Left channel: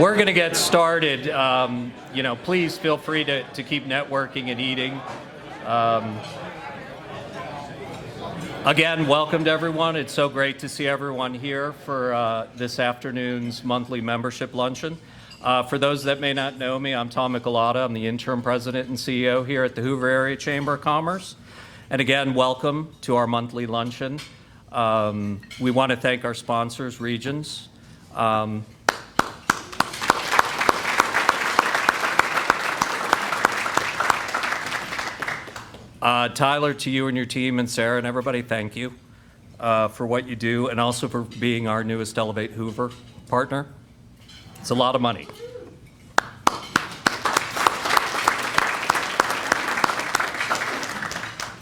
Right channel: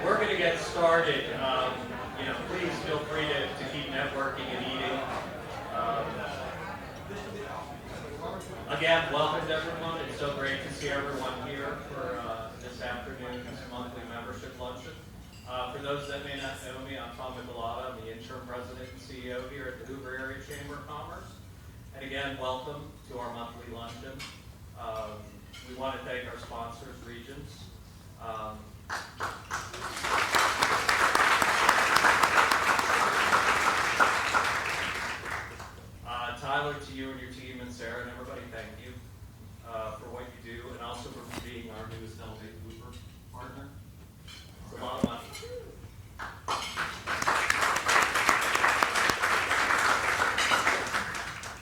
We're going to get started. Please feel free to keep networking and eating. Again, welcome to everyone. It's so great to see everyone here for this afternoon's monthly membership luncheon. For those that may not know me, I'm Tom Michelada. I'm the interim president and CEO here at the Hoover Area Chamber of Commerce. And again, welcome to our monthly luncheon. We want to thank our sponsors, Regions. Tyler, to you and your team, and Sarah and everybody, thank you for what you do, and also for being our newest Elevate Hoover partner. It's a lot of money.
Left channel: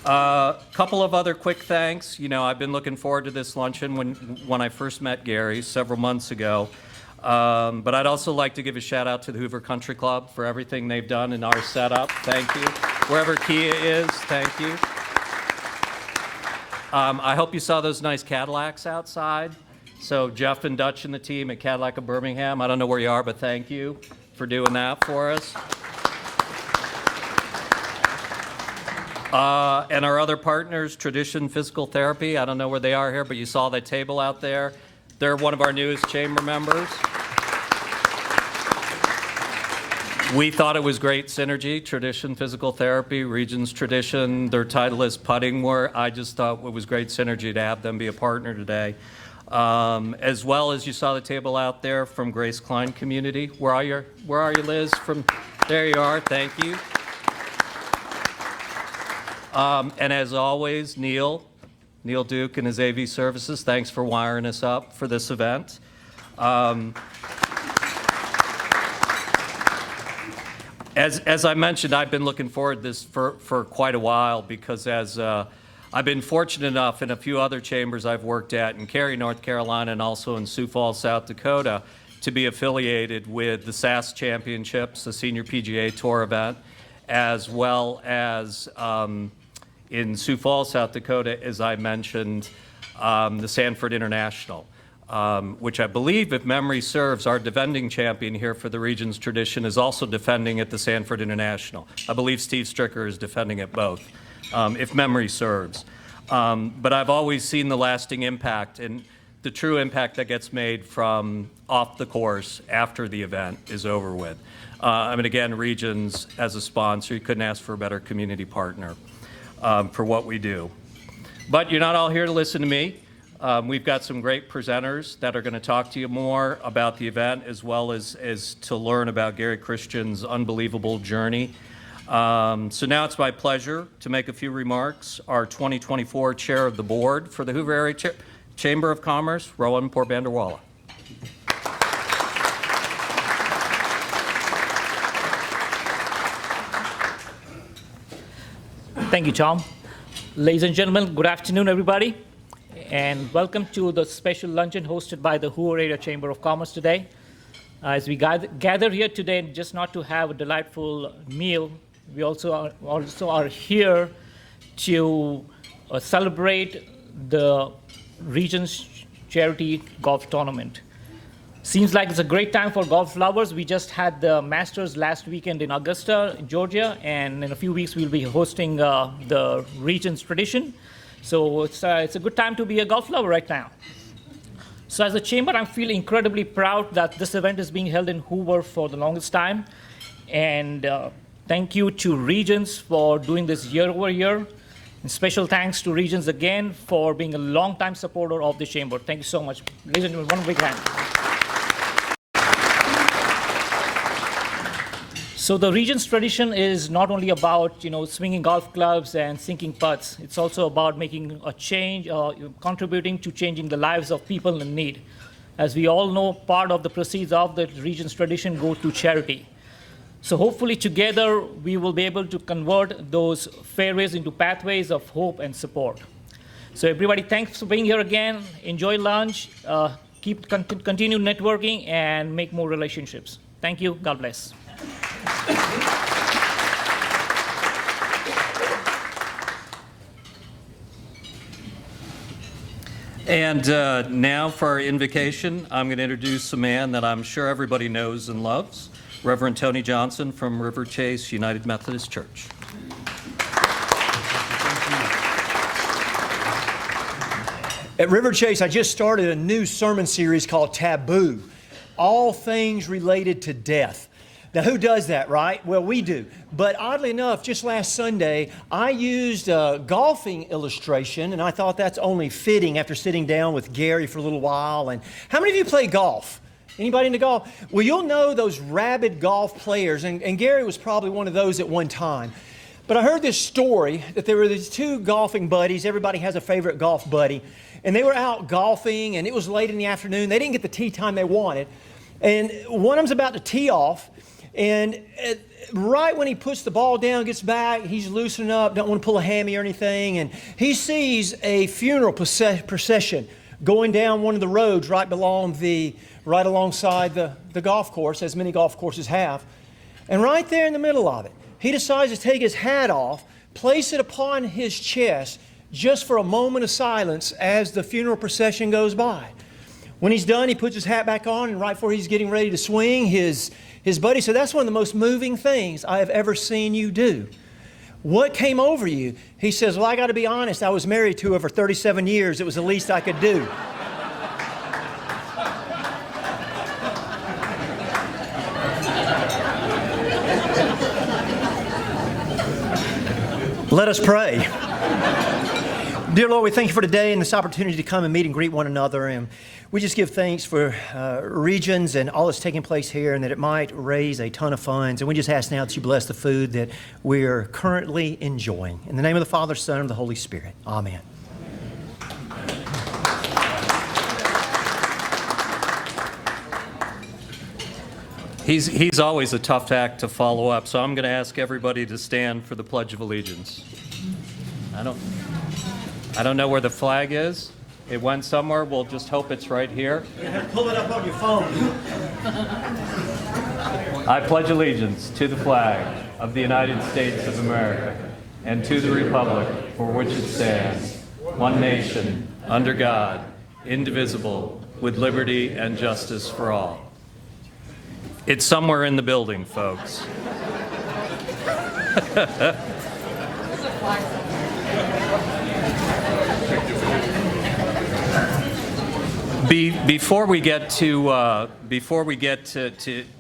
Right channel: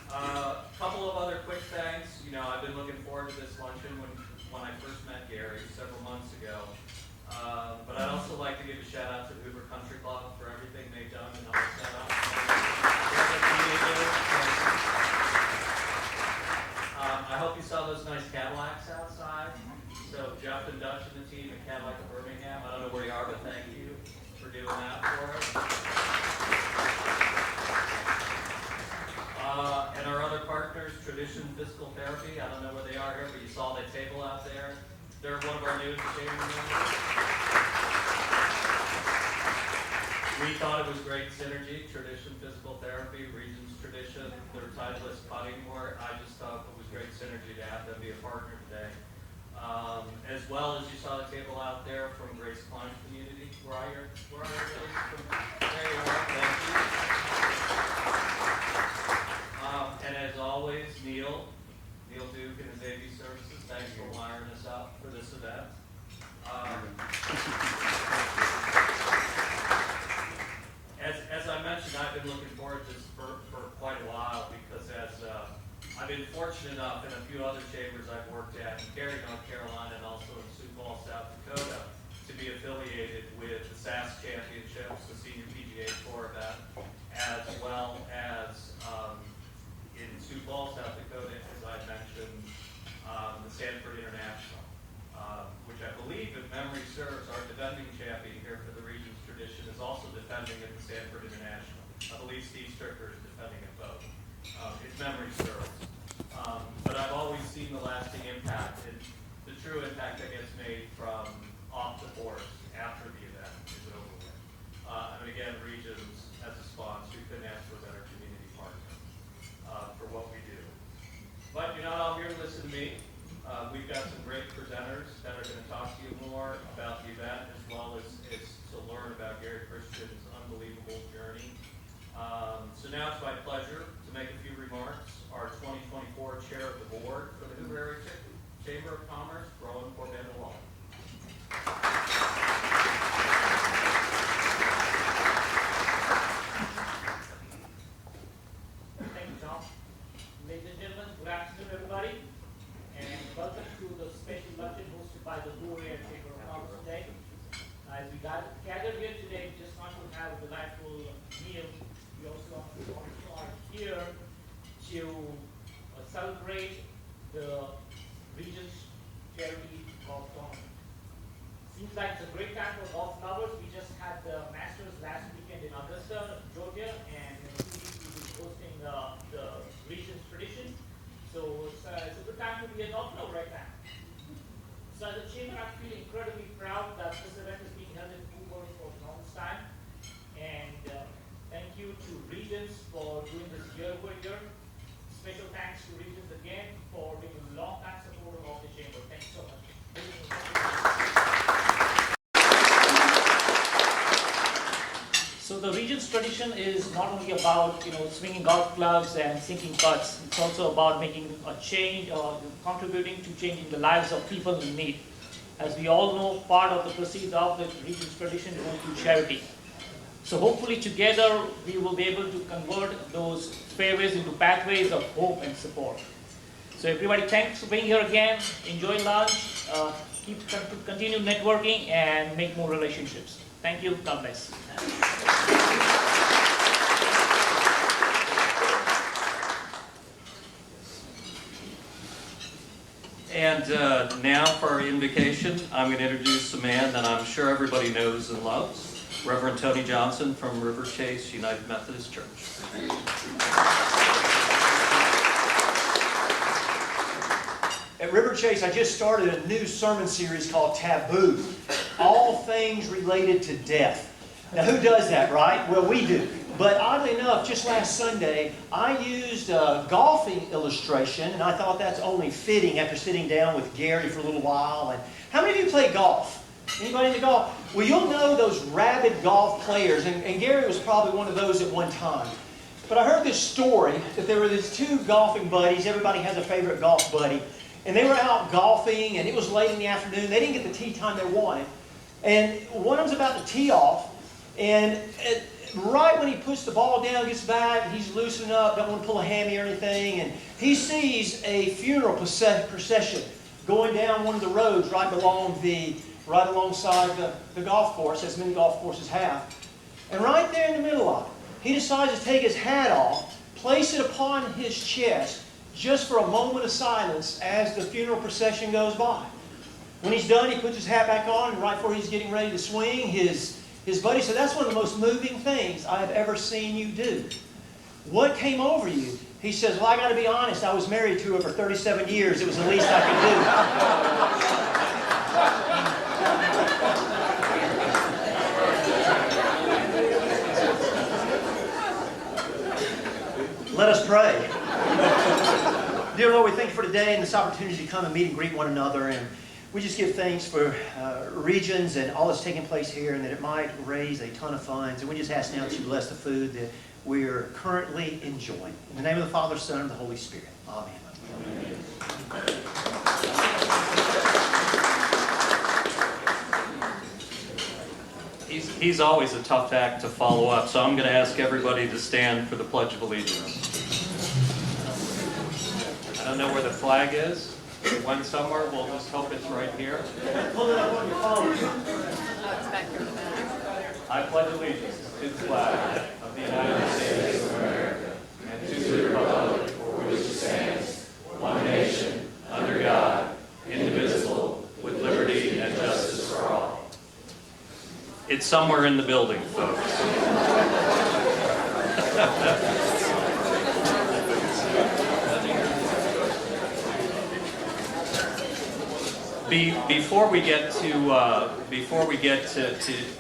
A couple of other quick thanks. I've been looking forward to this luncheon when I first met Gary several months ago. But I'd also like to give a shout out to the Hoover Country Club for everything they've done in our setup. Thank you. Wherever Kia is, thank you. I hope you saw those nice Cadillacs outside. So Jeff and Dutch and the team at Cadillac of Birmingham, I don't know where you are, but thank you for doing that for us. And our other partners, Tradition Physical Therapy, I don't know where they are here, but you saw that table out there. They're one of our newest chamber members. We thought it was great synergy, Tradition Physical Therapy, Regions Tradition. Their title is Putting More. I just thought it was great synergy to have them be a partner today. As well as you saw the table out there from Grace Klein Community. Where are you, Liz? There you are. Thank you. And as always, Neil Duke and his AV Services, thanks for wiring us up for this event. As I mentioned, I've been looking forward to this for quite a while because I've been fortunate enough in a few other chambers I've worked at in Cary, North Carolina, and also in Sioux Falls, South Dakota, to be affiliated with the SAS Championships, the Senior PGA Tour event, as well as in Sioux Falls, South Dakota, as I mentioned, the Sanford International, which I believe, if memory serves, our defending champion here for the Regions Tradition is also defending at the Sanford International. I believe Steve Stricker is defending at both, if memory serves. But I've always seen the lasting impact and the true impact that gets made from off the course after the event is over with. Again, Regions as a sponsor, you couldn't ask for a better community partner for what we do. But you're not all here to listen to me. We've got some great presenters that are going to talk to you more about the event as well as to learn about Gary Christian's unbelievable journey. So now it's my pleasure to make a few remarks. Our 2024 Chair of the Board for the Hoover Area Chamber of Commerce, Rowan Porbanderwala. Thank you, Tom. Ladies and gentlemen, good afternoon, everybody, and welcome to the special luncheon hosted by the Hoover Area Chamber of Commerce today. As we gather here today, just not to have a delightful meal, we also are here to celebrate the Regions Charity Golf Tournament. Seems like it's a great time for golf lovers. We just had the Masters last weekend in Augusta, Georgia, and in a few weeks we'll be hosting the Regions Tradition. So it's a good time to be a golf lover right now. So as a chamber, I feel incredibly proud that this event is being held in Hoover for the longest time. And thank you to Regions for doing this year over year. And special thanks to Regions again for being a long-time supporter of the chamber. Thank you so much. Ladies and gentlemen, one big hand. So the Regions Tradition is not only about swinging golf clubs and sinking putts. It's also about making a change, contributing to changing the lives of people in need. As we all know, part of the proceeds of the Regions Tradition go to charity. So hopefully together we will be able to convert those fairways into pathways of hope and support. So everybody, thanks for being here again. Enjoy lunch. Continue networking and make more relationships. Thank you. God bless. And now for our invocation, I'm going to introduce a man that I'm sure everybody knows and loves, Reverend Tony Johnson from River Chase United Methodist Church. At River Chase, I just started a new sermon series called Taboo, all things related to death. Now, who does that, right? Well, we do. But oddly enough, just last Sunday, I used a golfing illustration, and I thought that's only fitting after sitting down with Gary for a little while. And how many of you play golf? Anybody into golf? Well, you'll know those rabid golf players, and Gary was probably one of those at one time. But I heard this story that there were these two golfing buddies. Everybody has a favorite golf buddy. And they were out golfing, and it was late in the afternoon. They didn't get the tee time they wanted. And one of them's about to tee off, and right when he puts the ball down, gets back, he's loosening up, don't want to pull a hammy or anything, and he sees a funeral procession going down one of the roads right alongside the golf course, as many golf courses have. And right there in the middle of it, he decides to take his hat off, place it upon his chest, just for a moment of silence as the funeral procession goes by. When he's done, he puts his hat back on, and right before he's getting ready to swing, his buddy said, "That's one of the most moving things I have ever seen you do. What came over you?" He says, "Well, I got to be honest, I was married to her for 37 years. It was the least I could do." Let us pray. Dear Lord, we thank you for today and this opportunity to come and meet and greet one another. And we just give thanks for Regions and all that's taking place here, and that it might raise a ton of funds. And we just ask now that you bless the food that we are currently enjoying. In the name of the Father, Son, and the Holy Spirit. Amen. He's always a tough act to follow up, so I'm going to ask everybody to stand for the Pledge of Allegiance. I don't know where the flag is. It went somewhere. We'll just hope it's right here. Pull it up on your phone. I pledge allegiance to the flag of the United States of America and to the republic for which it stands, one nation, under God, indivisible, with liberty and justice for all. It's somewhere in the building, folks. Before we get to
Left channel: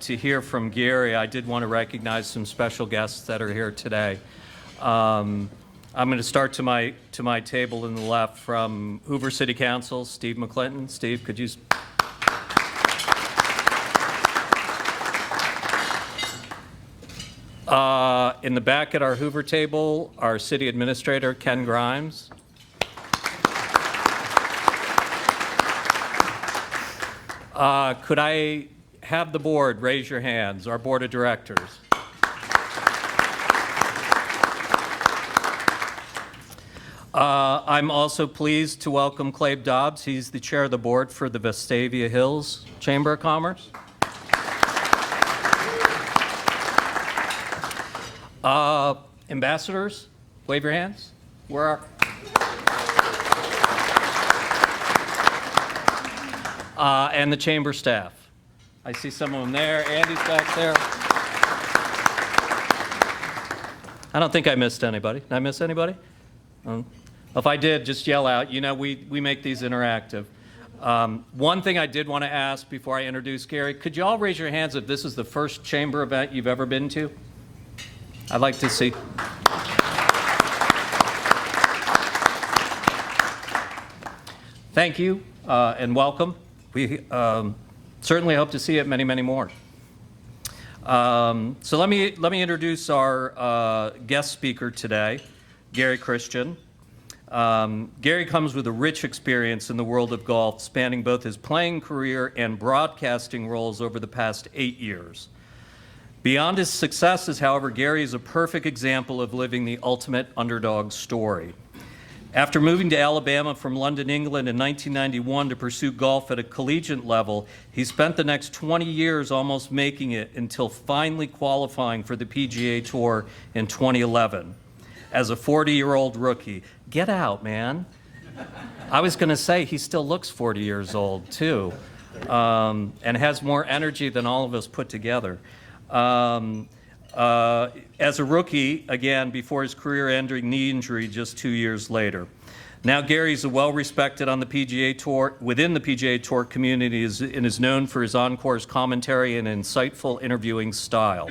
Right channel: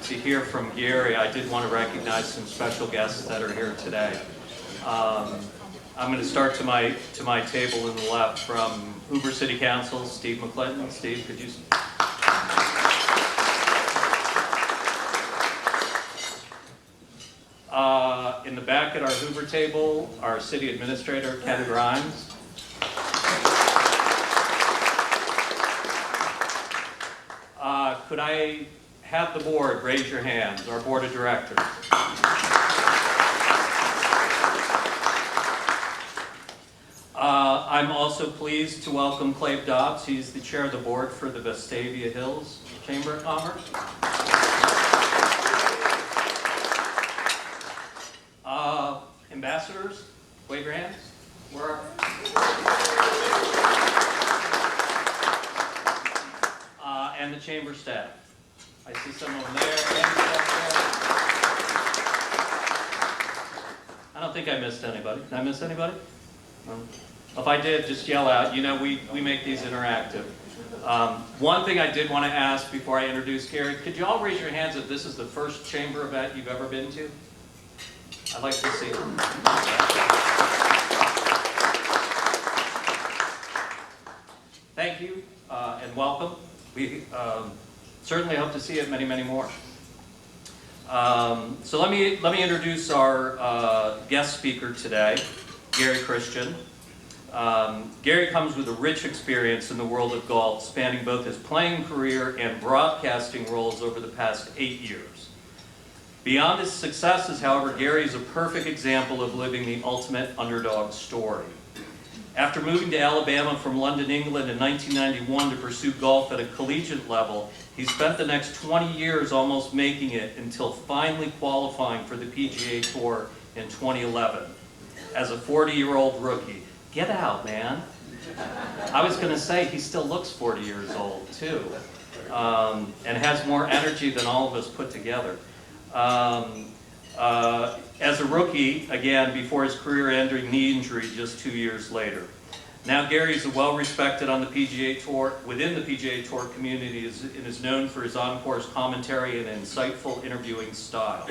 hear from Gary, I did want to recognize some special guests that are here today. I'm going to start to my table on the left from Hoover City Council, Steve McClinton. Steve, could you? In the back at our Hoover table, our City Administrator, Ken Grimes. Could I have the board raise your hands, our Board of Directors? I'm also pleased to welcome Clave Dobbs. He's the chair of the board for the Vestavia Hills Chamber of Commerce. Ambassadors, wave your hands. Where are? And the chamber staff. I see some of them there. Andy's back there. I don't think I missed anybody. Did I miss anybody? If I did, just yell out. You know, we make these interactive. One thing I did want to ask before I introduce Gary, could you all raise your hands if this is the first chamber event you've ever been to? I'd like to see. Thank you and welcome. We certainly hope to see you at many, many more. So let me introduce our guest speaker today, Gary Christian. Gary comes with a rich experience in the world of golf, spanning both his playing career and broadcasting roles over the past 8 years. Beyond his successes, however, Gary is a perfect example of living the ultimate underdog story. After moving to Alabama from London, England in 1991 to pursue golf at a collegiate level, he spent the next 20 years almost making it until finally qualifying for the PGA Tour in 2011. As a 40-year-old rookie, get out, man. I was going to say he still looks 40 years old too, and has more energy than all of us put together. As a rookie, again, before his career-ending knee injury just 2 years later. Now Gary's a well-respected on the PGA Tour, within the PGA Tour community, and is known for his on-course commentary and insightful interviewing style.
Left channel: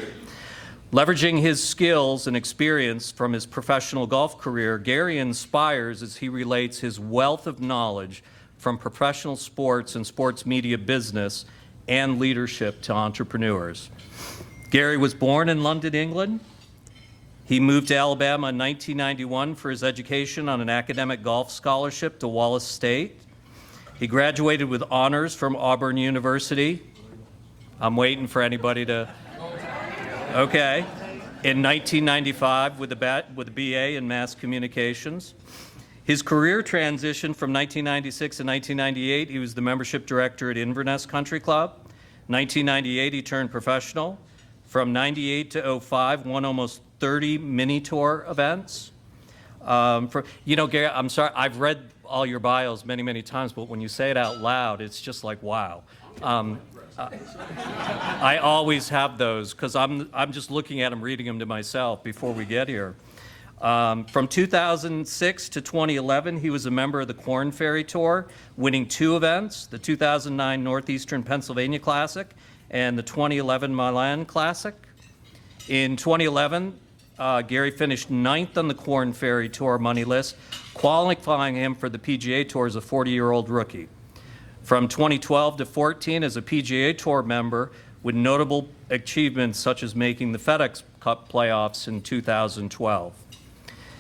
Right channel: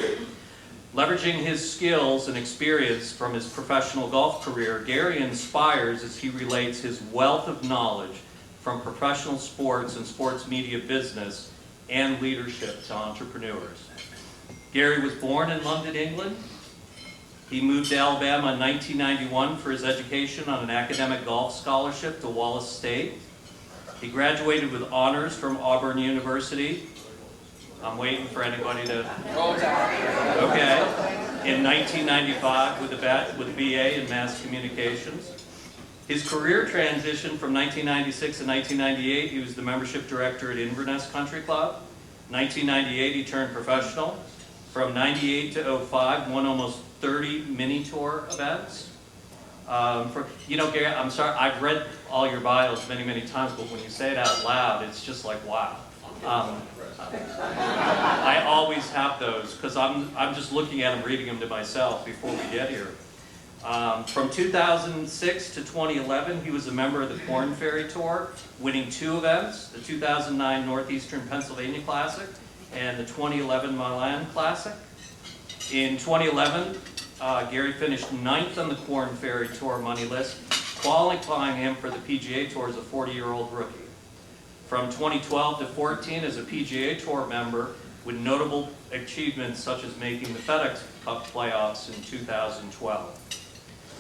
Leveraging his skills and experience from his professional golf career, Gary inspires as he relates his wealth of knowledge from professional sports and sports media business and leadership to entrepreneurs. Gary was born in London, England. He moved to Alabama in 1991 for his education on an academic golf scholarship to Wallace State. He graduated with honors from Auburn University. I'm waiting for anybody to... Okay. In 1995 with a BA in Mass Communications. His career transitioned from 1996 to 1998. He was the membership director at Inverness Country Club. 1998 he turned professional. From 98 to 05, won almost 30 mini tour events. Gary, I'm sorry, I've read all your bios many, many times, but when you say it out loud, it's just like, wow. I always have those because I'm just looking at them, reading them to myself before we get here. From 2006 to 2011, he was a member of the Korn Ferry Tour, winning 2 events, the 2009 Northeastern Pennsylvania Classic and the 2011 Milan Classic. In 2011, Gary finished 9th on the Korn Ferry Tour money list, qualifying him for the PGA Tour as a 40-year-old rookie. From 2012 to 14 as a PGA Tour member with notable achievements such as making the FedEx Cup playoffs in 2012.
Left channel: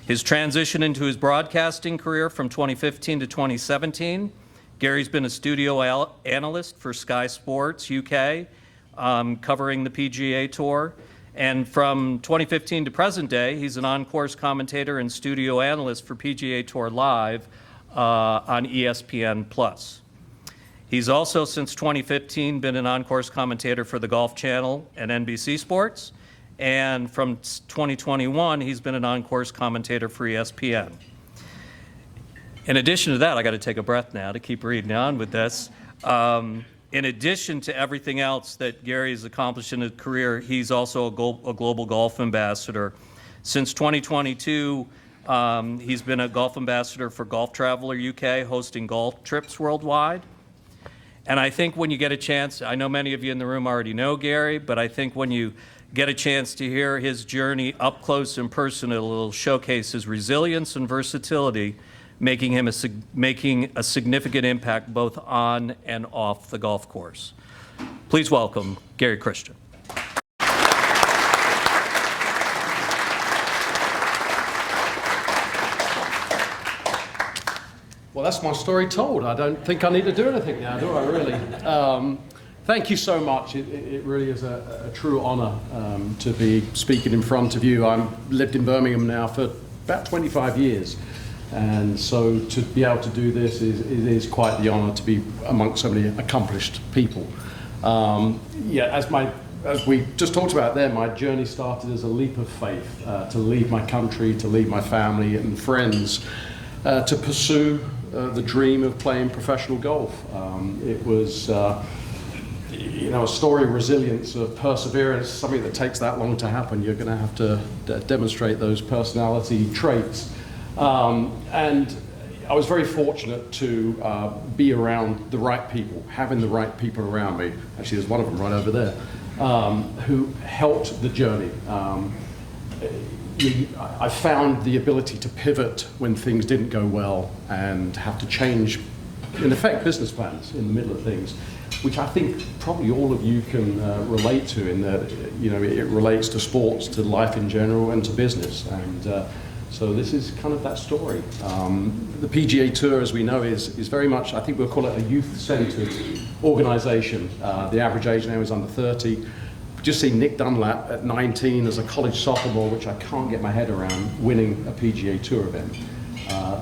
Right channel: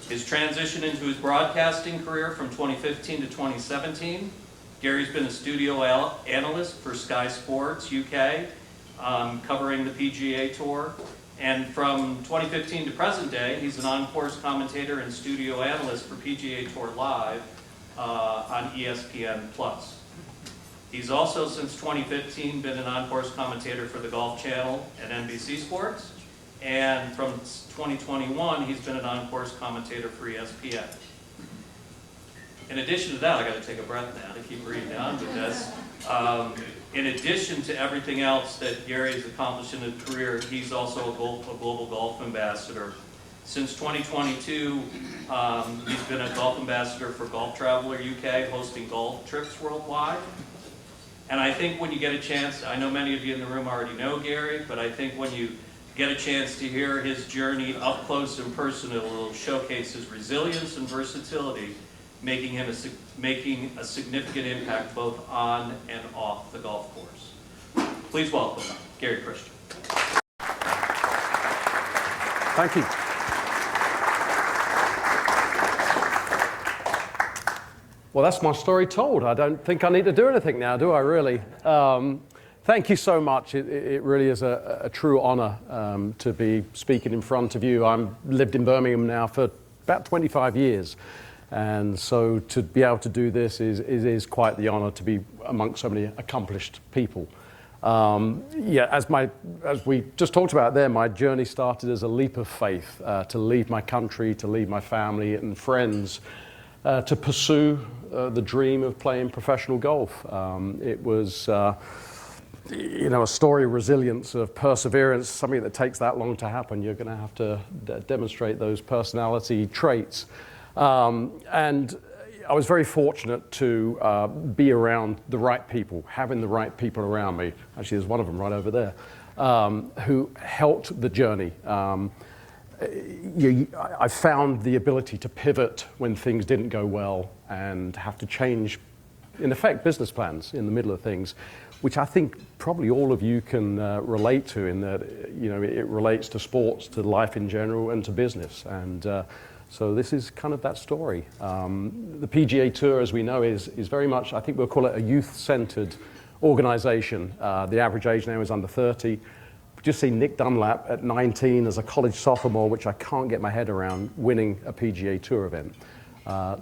His transition into his broadcasting career from 2015 to 2017, Gary's been a studio analyst for Sky Sports UK, covering the PGA Tour. And from 2015 to present day, he's an on-course commentator and studio analyst for PGA Tour Live on ESPN+. He's also, since 2015, been an on-course commentator for the Golf Channel and NBC Sports. And from 2021, he's been an on-course commentator for ESPN. In addition to that, I got to take a breath now to keep reading on with this. In addition to everything else that Gary has accomplished in his career, he's also a global golf ambassador. Since 2022, he's been a golf ambassador for Golf Traveler UK, hosting golf trips worldwide. And I think when you get a chance, I know many of you in the room already know Gary, but I think when you get a chance to hear his journey up close and personal, it'll showcase his resilience and versatility, making a significant impact both on and off the golf course. Please welcome Gary Christian. Thank you. Well, that's my story told. I don't think I need to do anything now, do I really? Thank you so much. It really is a true honor to be speaking in front of you. I've lived in Birmingham now for about 25 years. And so to be able to do this is quite the honor to be amongst so many accomplished people. As we just talked about there, my journey started as a leap of faith to leave my country, to leave my family and friends, to pursue the dream of playing professional golf. It was a story of resilience, of perseverance, something that takes that long to happen. You're going to have to demonstrate those personality traits. And I was very fortunate to be around the right people, having the right people around me. Actually, there's one of them right over there, who helped the journey. I found the ability to pivot when things didn't go well and have to change, in effect, business plans in the middle of things, which I think probably all of you can relate to in that, it relates to sports, to life in general, and to business. And so this is kind of that story. The PGA Tour, as we know, is very much, I think we'll call it a youth-centered organization. The average age now is under 30. Just seen Nick Dunlap at 19 as a college sophomore, which I can't get my head around, winning a PGA Tour event.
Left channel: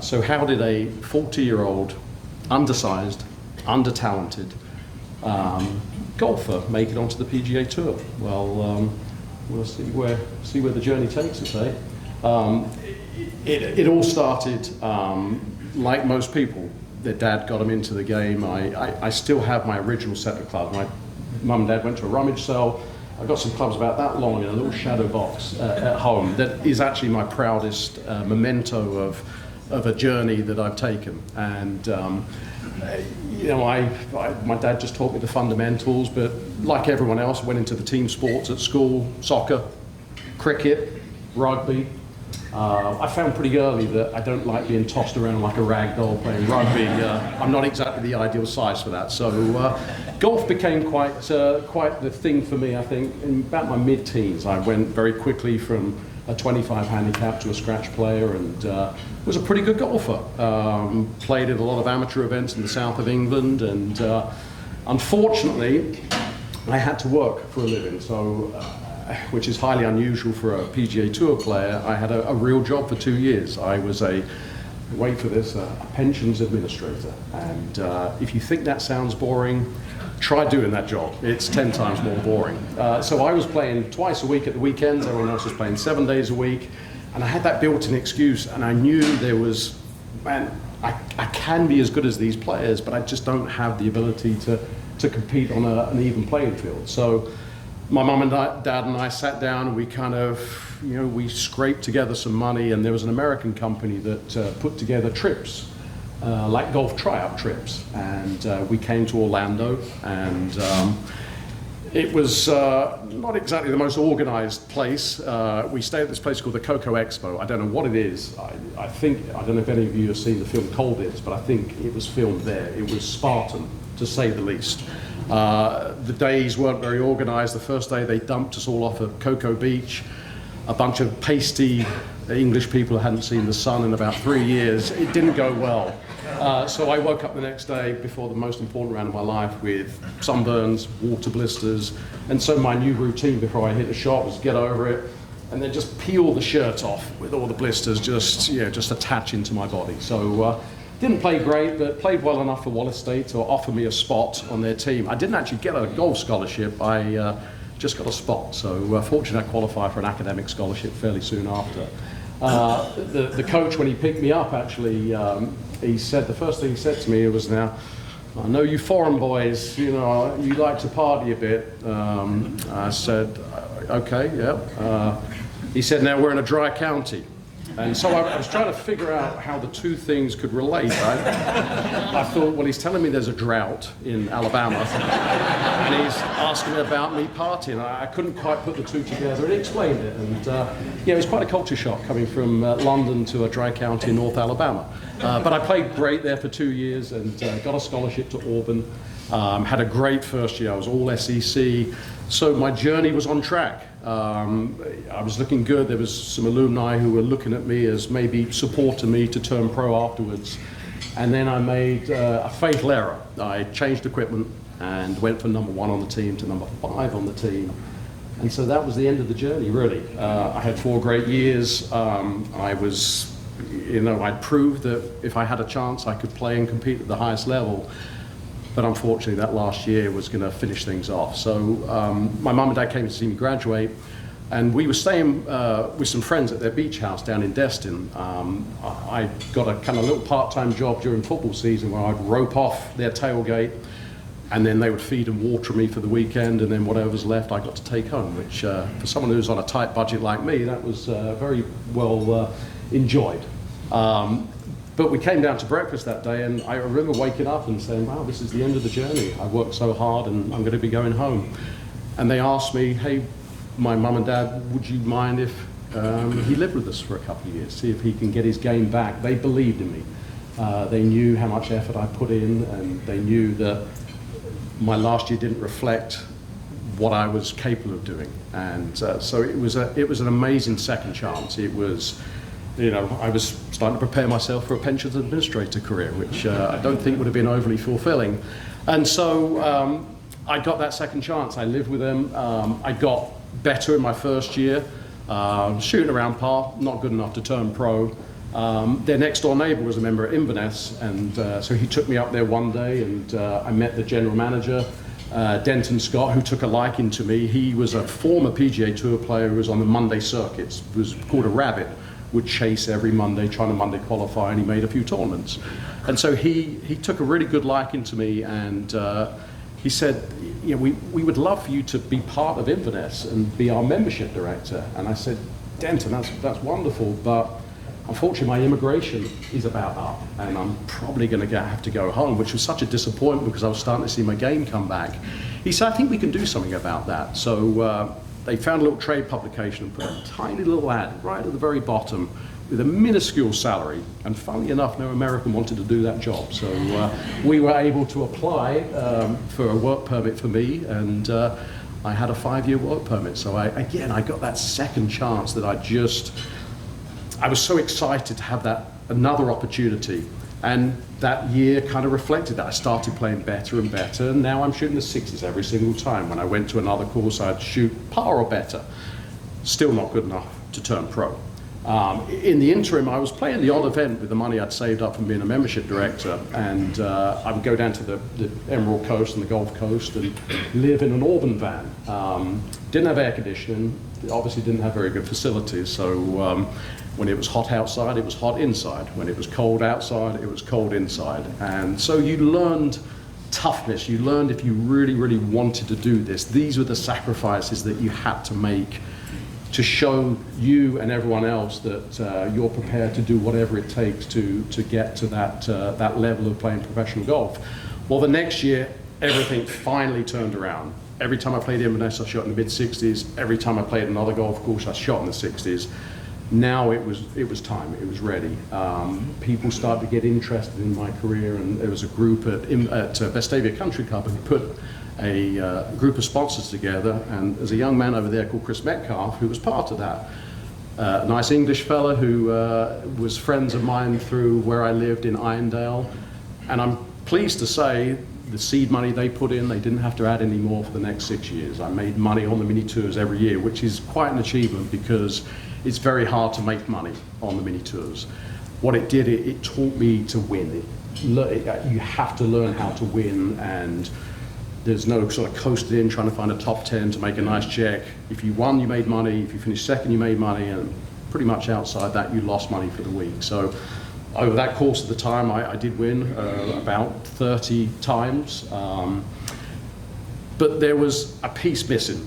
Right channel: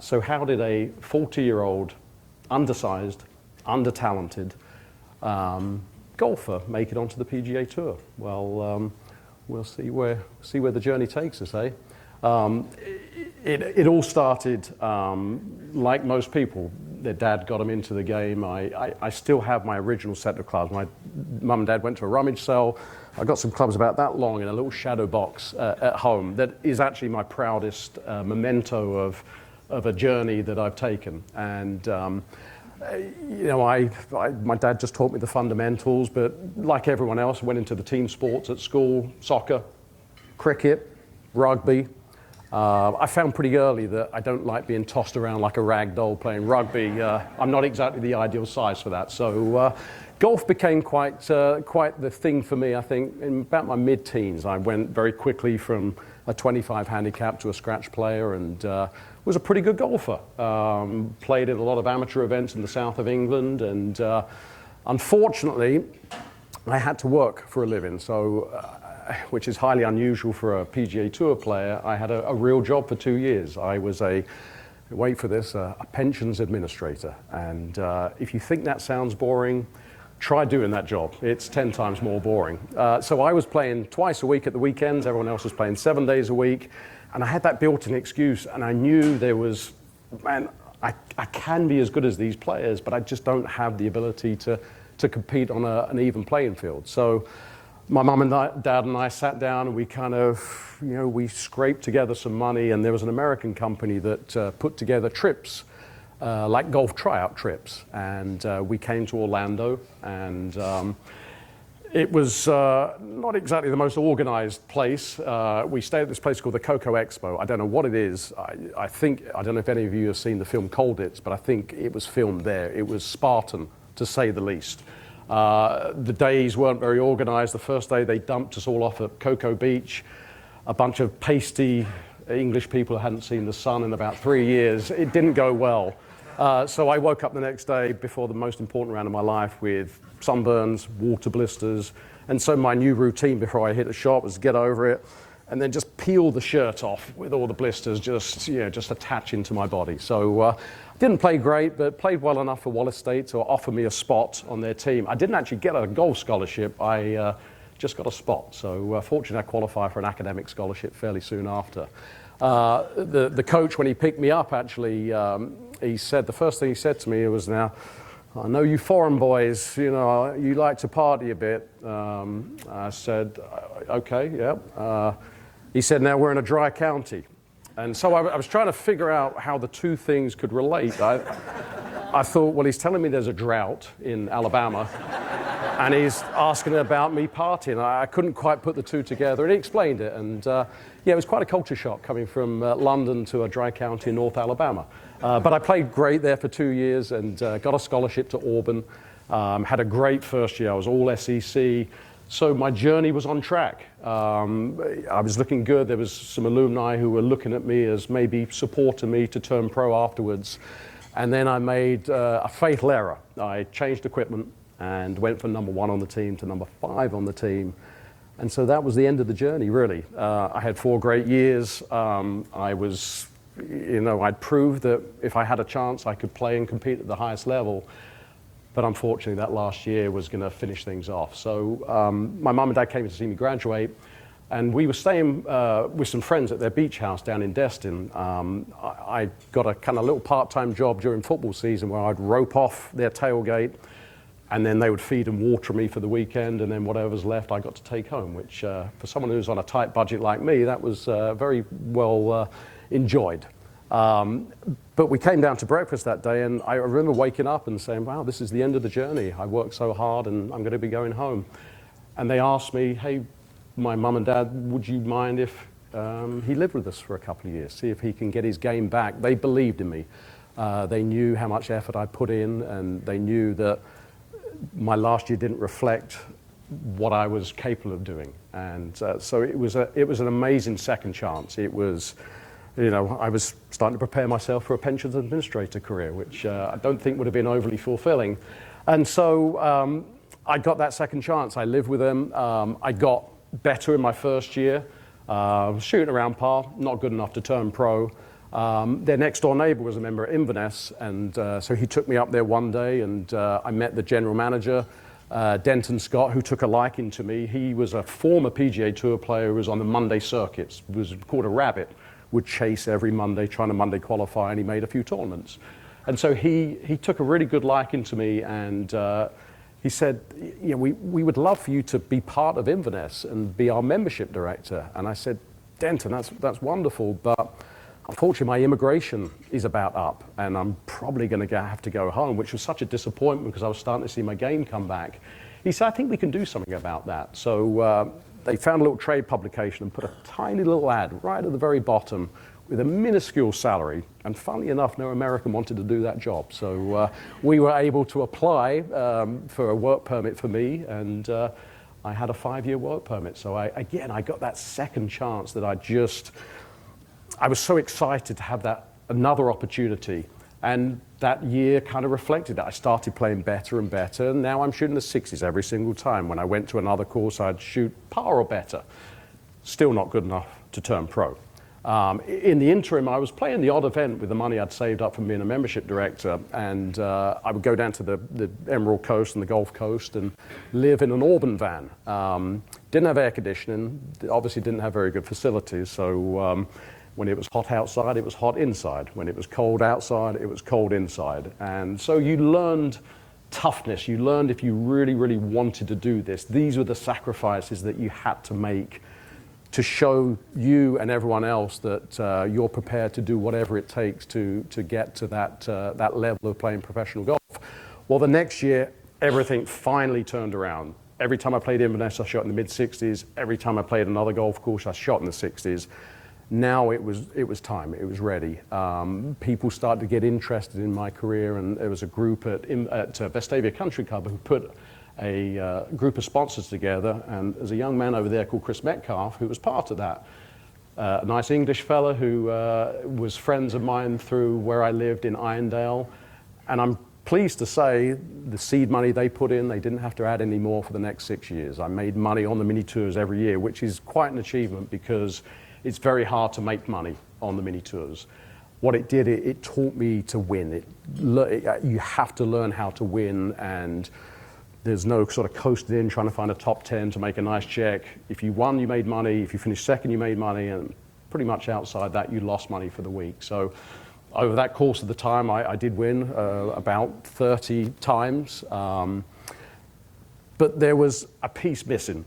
So how did a 40-year-old, undersized, under-talented golfer make it onto the PGA Tour? Well, we'll see where the journey takes us, eh? It all started like most people, their dad got them into the game. I still have my original set of clubs. My mum and dad went to a rummage sale. I got some clubs about that long in a little shadow box at home. That is actually my proudest memento of a journey that I've taken. And you know, my dad just taught me the fundamentals, but like everyone else, went into the team sports at school: soccer, cricket, rugby. I found pretty early that I don't like being tossed around like a rag doll playing rugby. I'm not exactly the ideal size for that. So golf became quite the thing for me, I think. In about my mid-teens, I went very quickly from a 25 handicap to a scratch player, and was a pretty good golfer. Played in a lot of amateur events in the south of England, and unfortunately, I had to work for a living. So. Which is highly unusual for a PGA Tour player. I had a real job for 2 years. I was wait for this, a pensions administrator. And if you think that sounds boring, try doing that job. It's 10 times more boring. So I was playing twice a week at the weekends. Everyone else was playing 7 days a week. And I had that built-in excuse, and I knew there was, man, I can be as good as these players, but I just don't have the ability to compete on an even playing field. So my mum and dad and I sat down, and we kind of, you know, we scraped together some money, and there was an American company that put together trips, like golf tryout trips, and we came to Orlando, and it was not exactly the most organized place. We stayed at this place called the Coco Expo. I don't know what it is. I don't know if any of you have seen the film Cold Is, but I think it was filmed there. It was Spartan, to say the least. The days weren't very organized. The first day they dumped us all off at Cocoa Beach. A bunch of pasty English people who hadn't seen the sun in about 3 years. It didn't go well. So I woke up the next day before the most important round of my life with sunburns, water blisters, and so my new routine before I hit a shot was get over it and then just peel the shirt off with all the blisters just attaching to my body. So didn't play great, but played well enough for Wallace State to offer me a spot on their team. I didn't actually get a golf scholarship. I just got a spot. So fortunately, I qualified for an academic scholarship fairly soon after. The coach, when he picked me up, actually, he said, the first thing he said to me was, "Now, I know you foreign boys, you know, you like to party a bit." I said, "Okay, yeah." He said, "Now we're in a dry county." And so I was trying to figure out how the two things could relate. I thought, well, he's telling me there's a drought in Alabama, and he's asking about me partying. I couldn't quite put the two together, and he explained it. And yeah, it was quite a culture shock coming from London to a dry county in North Alabama. But I played great there for 2 years and got a scholarship to Auburn. Had a great first year. I was all SEC. So my journey was on track. I was looking good. There was some alumni who were looking at me as maybe supporting me to turn pro afterwards. And then I made a fatal error. I changed equipment and went from number 1 on the team to number 5 on the team. And so that was the end of the journey, really. I had 4 great years. I was, you know, I'd proved that if I had a chance, I could play and compete at the highest level. But unfortunately, that last year was going to finish things off. So my mum and dad came to see me graduate, and we were staying with some friends at their beach house down in Destin. I got a kind of little part-time job during football season where I'd rope off their tailgate, and then they would feed and water me for the weekend, and then whatever was left I got to take home, which for someone who's on a tight budget like me, that was very well enjoyed. But we came down to breakfast that day, and I remember waking up and saying, wow, this is the end of the journey. I worked so hard, and I'm going to be going home. And they asked me, hey, my mum and dad, would you mind if he lived with us for a couple of years, see if he can get his game back? They believed in me. They knew how much effort I put in, and they knew that my last year didn't reflect what I was capable of doing. And so it was an amazing second chance. It was, you know, I was starting to prepare myself for a pensions administrator career, which I don't think would have been overly fulfilling. And so I got that second chance. I lived with them. I got better in my first year, shooting around par, not good enough to turn pro. Their next door neighbor was a member at Inverness, and so he took me up there one day, and I met the general manager, Denton Scott, who took a liking to me. He was a former PGA Tour player who was on the Monday circuits. It was called a rabbit, would chase every Monday, trying to Monday qualify, and he made a few tournaments. And so he took a really good liking to me, and he said, we would love for you to be part of Inverness and be our membership director. And I said, Denton, that's wonderful, but unfortunately my immigration is about up, and I'm probably going to have to go home, which was such a disappointment because I was starting to see my game come back. He said, I think we can do something about that. So they found a little trade publication and put a tiny little ad right at the very bottom with a minuscule salary, and funnily enough, no American wanted to do that job. So we were able to apply for a work permit for me, and I had a 5-year work permit. So I got that second chance that I was so excited to have that another opportunity. And that year kind of reflected that. I started playing better and better, and now I'm shooting the 60s every single time. When I went to another course, I'd shoot par or better. Still not good enough to turn pro. In the interim, I was playing the odd event with the money I'd saved up from being a membership director, and I would go down to the Emerald Coast and the Gulf Coast and live in an Auburn van. Didn't have air conditioning, obviously didn't have very good facilities, so when it was hot outside, it was hot inside. When it was cold outside, it was cold inside. And so you learned toughness. You learned if you really, really wanted to do this, these were the sacrifices that you had to make to show you and everyone else that you're prepared to do whatever it takes to get to that level of playing professional golf. Well, the next year, everything finally turned around. Every time I played Inverness, I shot in the mid-60s. Every time I played another golf course, I shot in the 60s. Now it was time, it was ready. People started to get interested in my career, and there was a group at Vestavia Country Club who put a group of sponsors together, and there's a young man over there called Chris Metcalf who was part of that. A nice English fella who was friends of mine through where I lived in Irondale, and I'm pleased to say the seed money they put in, they didn't have to add any more for the next 6 years. I made money on the mini tours every year, which is quite an achievement because it's very hard to make money on the mini tours. What it did, it taught me to win. You have to learn how to win, and there's no sort of coasting in trying to find a top 10 to make a nice check. If you won, you made money. If you finished second, you made money, and pretty much outside that, you lost money for the week. So over that course of the time, I did win about 30 times, but there was a piece missing.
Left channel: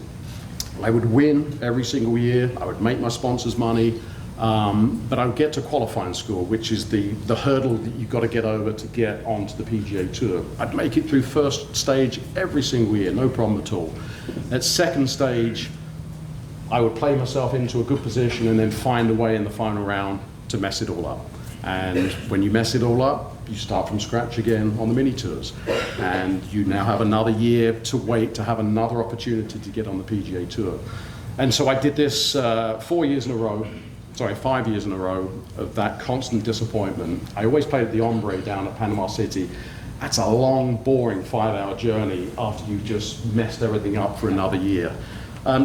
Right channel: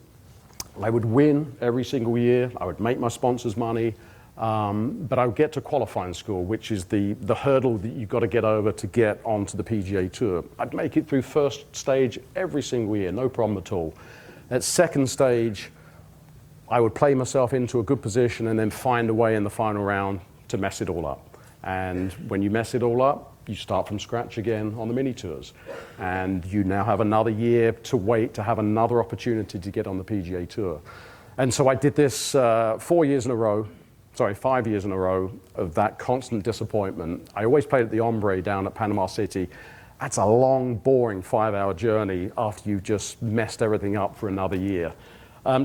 I would win every single year, I would make my sponsors money, but I would get to qualifying score, which is the hurdle that you've got to get over to get onto the PGA Tour. I'd make it through first stage every single year, no problem at all. At second stage, I would play myself into a good position and then find a way in the final round to mess it all up. And when you mess it all up, you start from scratch again on the mini tours. And you now have another year to wait to have another opportunity to get on the PGA Tour. And so I did this 5 years in a row of that constant disappointment. I always played at the Ombre down at Panama City. That's a long, boring 5-hour journey after you've just messed everything up for another year.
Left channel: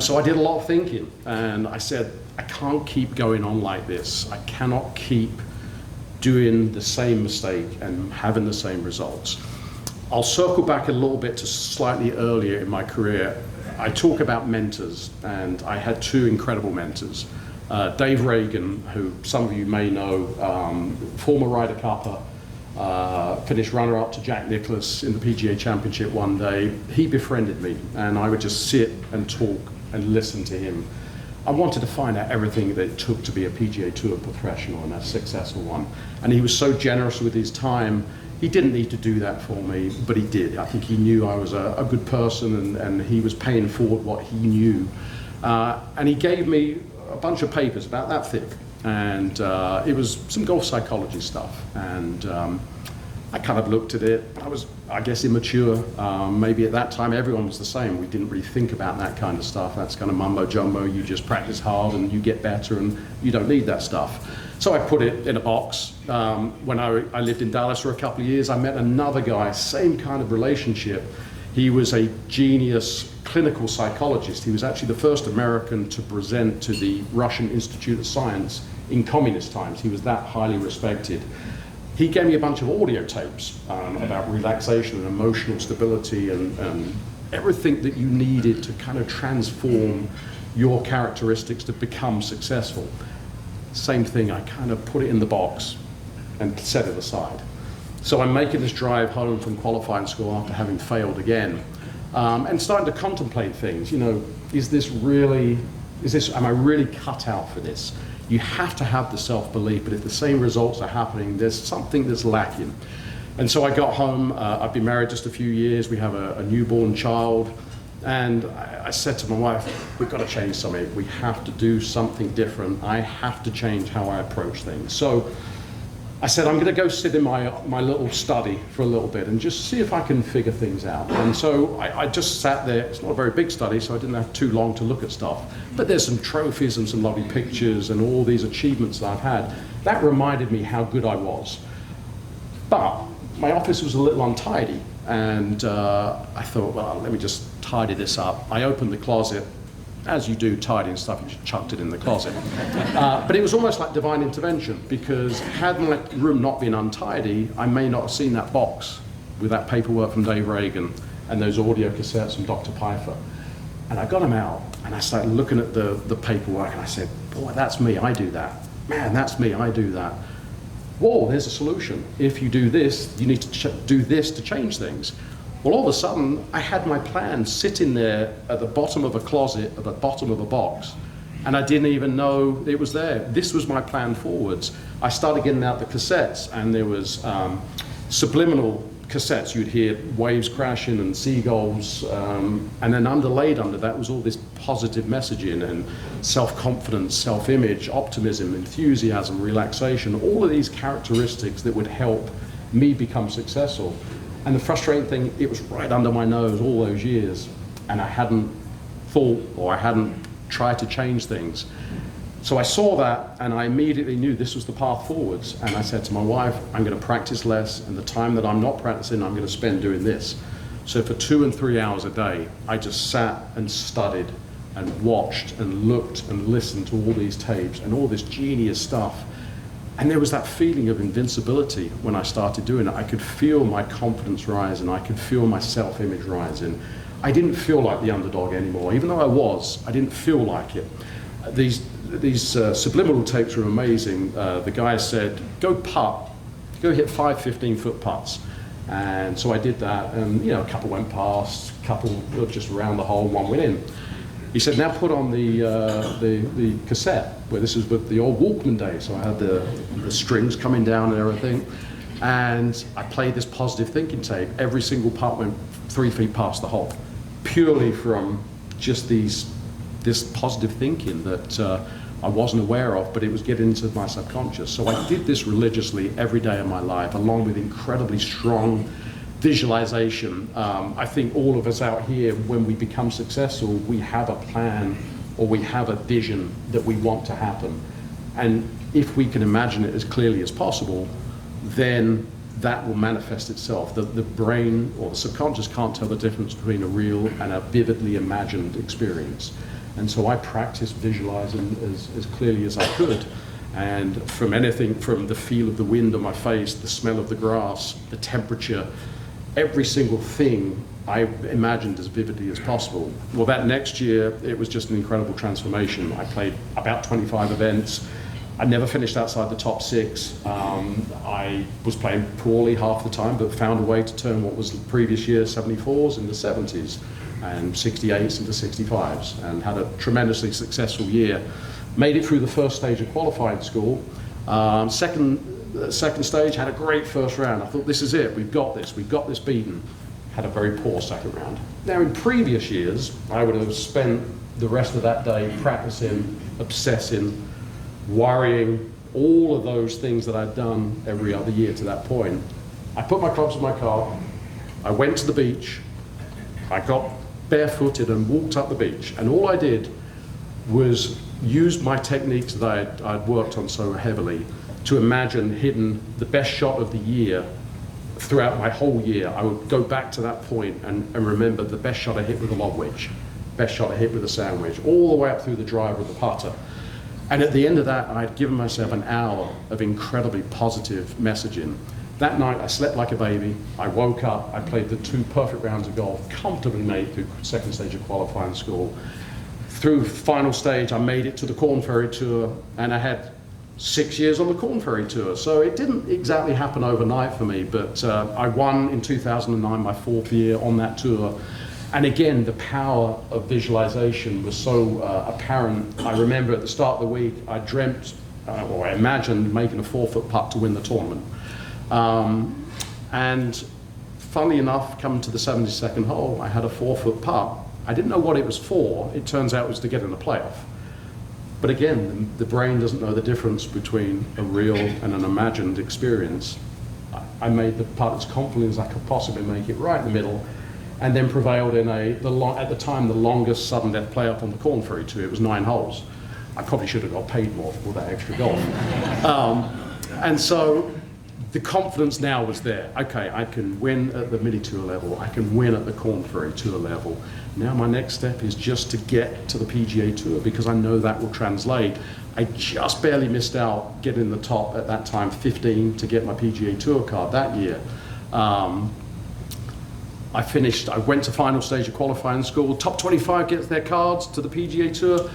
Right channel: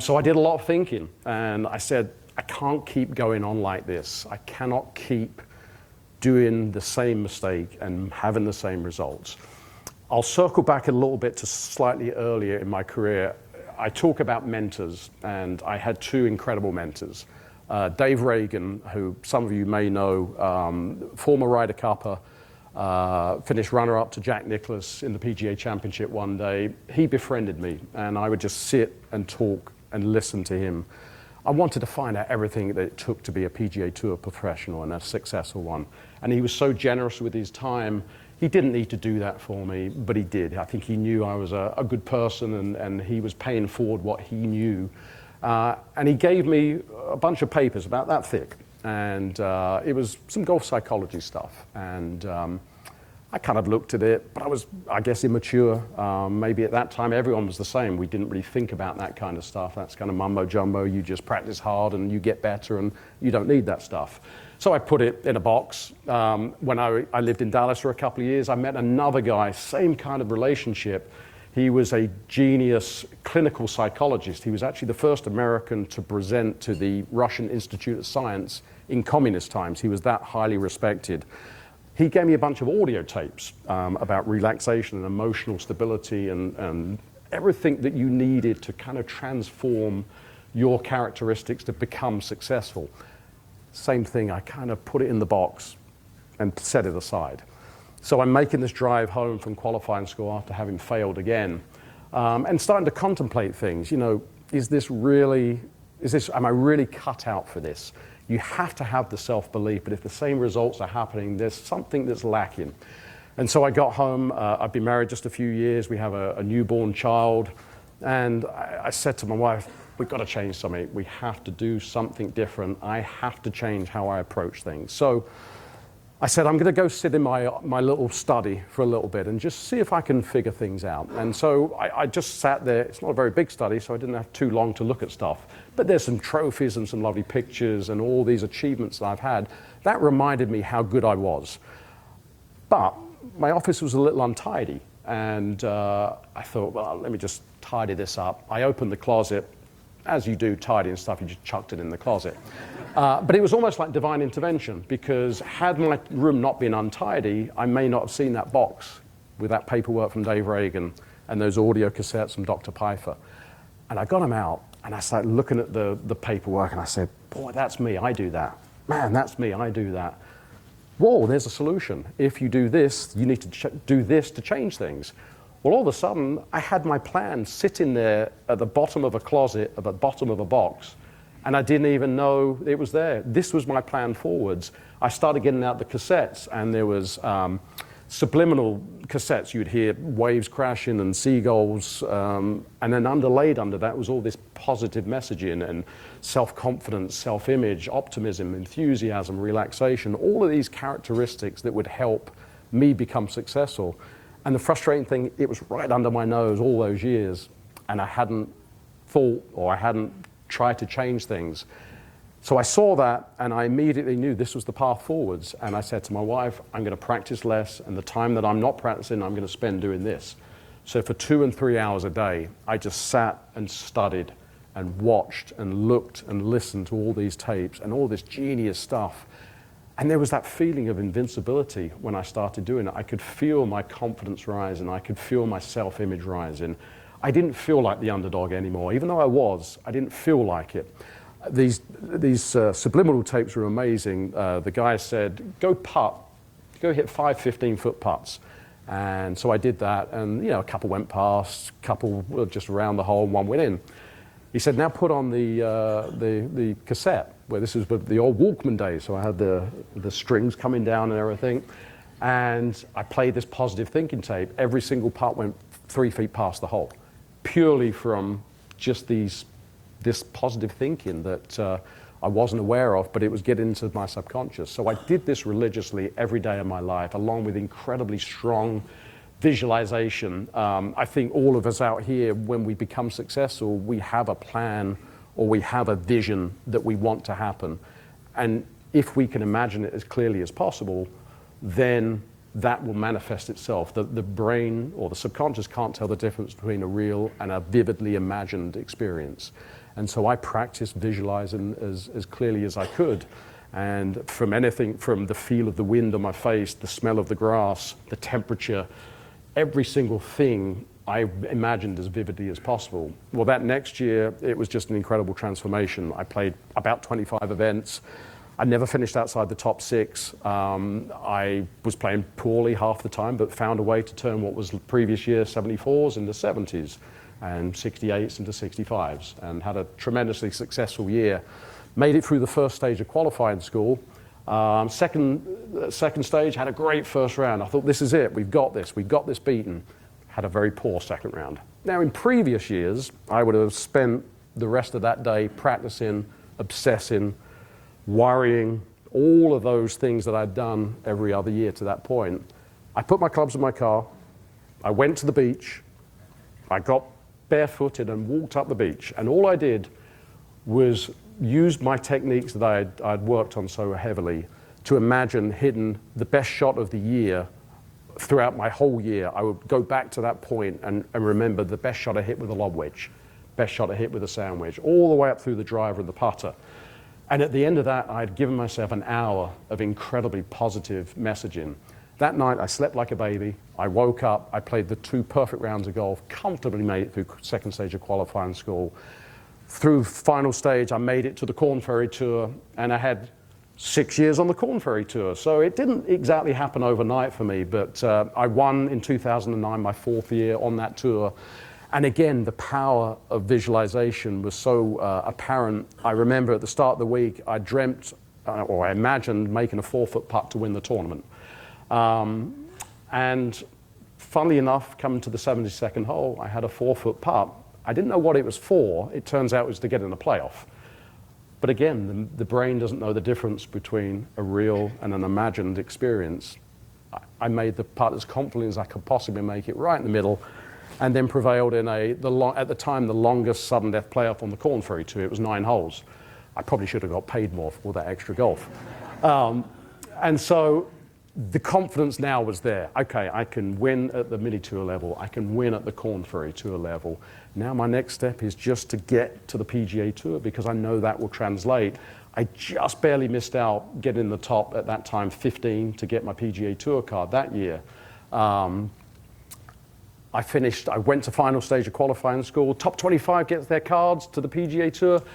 So I did a lot of thinking, and I said, I can't keep going on like this. I cannot keep doing the same mistake and having the same results. I'll circle back a little bit to slightly earlier in my career. I talk about mentors, and I had two incredible mentors. Dave Reagan, who some of you may know, former Ryder Cupper, finished runner-up to Jack Nicklaus in the PGA Championship one day. He befriended me, and I would just sit and talk and listen to him. I wanted to find out everything that it took to be a PGA Tour professional and a successful one. And he was so generous with his time. He didn't need to do that for me, but he did. I think he knew I was a good person, and he was paying forward what he knew. And he gave me a bunch of papers about that thick. And it was some golf psychology stuff. And I kind of looked at it, but I was, I guess, immature. Maybe at that time everyone was the same. We didn't really think about that kind of stuff. That's kind of mumbo jumbo. You just practice hard and you get better, and you don't need that stuff. So I put it in a box. When I lived in Dallas for a couple of years, I met another guy, same kind of relationship. He was a genius clinical psychologist. He was actually the first American to present to the Russian Institute of Science in communist times. He was that highly respected. He gave me a bunch of audio tapes about relaxation and emotional stability and everything that you needed to kind of transform your characteristics to become successful. Same thing, I kind of put it in the box and set it aside. So I'm making this drive home from qualifying school after having failed again, and starting to contemplate things. You know, am I really cut out for this? You have to have the self-belief, but if the same results are happening, there's something that's lacking. And so I got home, I've been married just a few years, we have a newborn child, and I said to my wife, we've got to change something. We have to do something different. I have to change how I approach things. So I said, I'm going to go sit in my little study for a little bit and just see if I can figure things out. And so I just sat there. It's not a very big study, so I didn't have too long to look at stuff. But there's some trophies and some lovely pictures and all these achievements that I've had. That reminded me how good I was. But my office was a little untidy, and I thought, well, let me just tidy this up. I opened the closet. As you do, tidying stuff, you just chucked it in the closet. But it was almost like divine intervention, because had my room not been untidy, I may not have seen that box with that paperwork from Dave Reagan and those audio cassettes from Dr. Pfeiffer. And I got them out, and I started looking at the paperwork, and I said, boy, that's me, I do that. Man, that's me, I do that. Whoa, there's a solution. If you do this, you need to do this to change things. Well, all of a sudden, I had my plan sitting there at the bottom of a closet, at the bottom of a box, and I didn't even know it was there. This was my plan forwards. I started getting out the cassettes, and there was subliminal cassettes. You'd hear waves crashing and seagulls, and then underlaid under that was all this positive messaging and self-confidence, self-image, optimism, enthusiasm, relaxation, all of these characteristics that would help me become successful. And the frustrating thing, it was right under my nose all those years, and I hadn't thought, or I hadn't tried to change things. So I saw that, and I immediately knew this was the path forwards. And I said to my wife, I'm going to practice less, and the time that I'm not practicing, I'm going to spend doing this. So for 2 and 3 hours a day, I just sat and studied and watched and looked and listened to all these tapes and all this genius stuff. And there was that feeling of invincibility when I started doing it. I could feel my confidence rising. I could feel my self-image rising. I didn't feel like the underdog anymore. Even though I was, I didn't feel like it. These subliminal tapes were amazing. The guy said, go putt. Go hit 5 15-foot putts. And so I did that, and you know, a couple went past, a couple were just around the hole, one went in. He said, now put on the cassette, where this is the old Walkman days, so I had the strings coming down and everything, and I played this positive thinking tape. Every single putt went 3 feet past the hole, purely from just this positive thinking that I wasn't aware of, but it was getting into my subconscious. So I did this religiously every day of my life, along with incredibly strong visualization. I think all of us out here, when we become successful, we have a plan or we have a vision that we want to happen. And if we can imagine it as clearly as possible, then that will manifest itself. The brain or the subconscious can't tell the difference between a real and a vividly imagined experience. And so I practiced visualizing as clearly as I could. And from anything, from the feel of the wind on my face, the smell of the grass, the temperature, every single thing I imagined as vividly as possible. Well, that next year, it was just an incredible transformation. I played about 25 events. I never finished outside the top 6. I was playing poorly half the time, but found a way to turn what was the previous year 74s into 70s and 68s into 65s, and had a tremendously successful year. Made it through the first stage of qualifying school. Second stage, had a great first round. I thought, this is it, we've got this beaten. Had a very poor second round. Now, in previous years, I would have spent the rest of that day practicing, obsessing, worrying, all of those things that I'd done every other year to that point. I put my clubs in my car, I went to the beach, I got barefooted and walked up the beach, and all I did was use my techniques that I'd worked on so heavily to imagine hitting the best shot of the year. Throughout my whole year, I would go back to that point and remember the best shot I hit with a lob wedge, best shot I hit with a sand wedge, all the way up through the driver of the putter. And at the end of that, I'd given myself an hour of incredibly positive messaging. That night, I slept like a baby. I woke up, I played the 2 perfect rounds of golf, comfortably made it through second stage of qualifying school. Through final stage, I made it to the Corn Ferry Tour, and I had 6 years on the Corn Ferry Tour. So it didn't exactly happen overnight for me, but I won in 2009, my 4th year on that tour. And again, the power of visualization was so apparent. I remember at the start of the week, I dreamt, or I imagined making a 4-foot putt to win the tournament. And funnily enough, coming to the 72nd hole, I had a 4-foot putt. I didn't know what it was for. It turns out it was to get in the playoff. But again, the brain doesn't know the difference between a real and an imagined experience. I made the putt as confidently as I could possibly make it, right in the middle, and then prevailed in at the time, the longest sudden death playoff on the Corn Ferry Tour. It was 9 holes. I probably should have got paid more for all that extra golf. And so the confidence now was there. Okay, I can win at the mini tour level. I can win at the Corn Ferry Tour level. Now my next step is just to get to the PGA Tour, because I know that will translate. I just barely missed out getting the top at that time, 15, to get my PGA Tour card that year. I went to final stage of qualifying school. Top 25 gets their cards to the PGA Tour.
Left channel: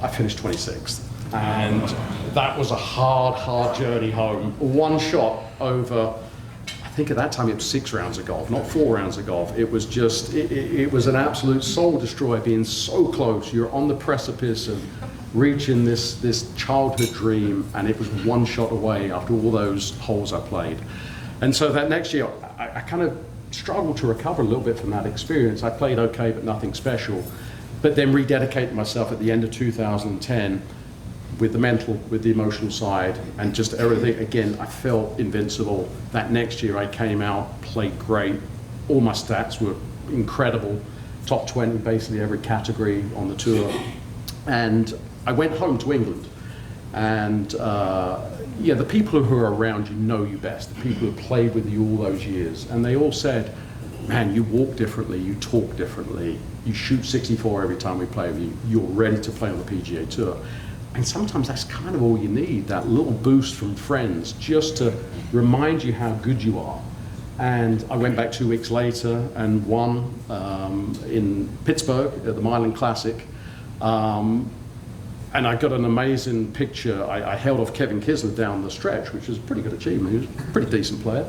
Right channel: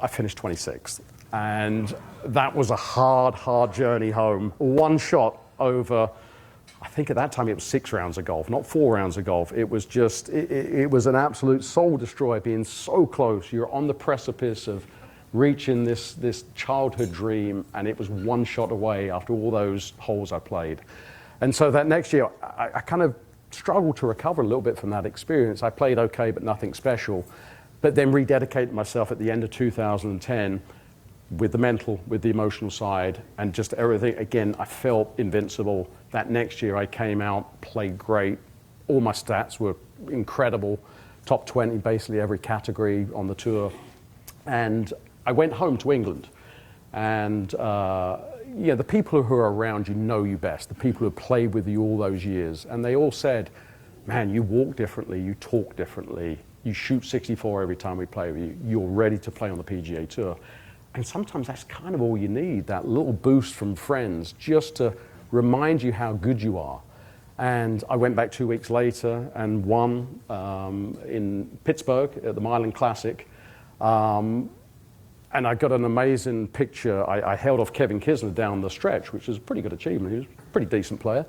I finished 26th. And that was a hard journey home. One shot over, I think at that time it was 6 rounds of golf, not 4 rounds of golf. It was just, it was an absolute soul destroyer, being so close. You're on the precipice of reaching this childhood dream, and it was 1 shot away after all those holes I played. And so that next year, I kind of struggled to recover a little bit from that experience. I played okay, but nothing special. But then rededicated myself at the end of 2010 with the mental, with the emotional side, and just everything. Again, I felt invincible. That next year I came out, played great. All my stats were incredible. Top 20 in basically every category on the tour. And I went home to England. And yeah, the people who are around you know you best, the people who have played with you all those years. And they all said, man, you walk differently, you talk differently, you shoot 64 every time we play with you, you're ready to play on the PGA Tour. And sometimes that's kind of all you need, that little boost from friends, just to remind you how good you are. And I went back 2 weeks later and won in Pittsburgh at the Milan Classic. And I got an amazing picture. I held off Kevin Kisner down the stretch, which was a pretty good achievement. He was a pretty decent player.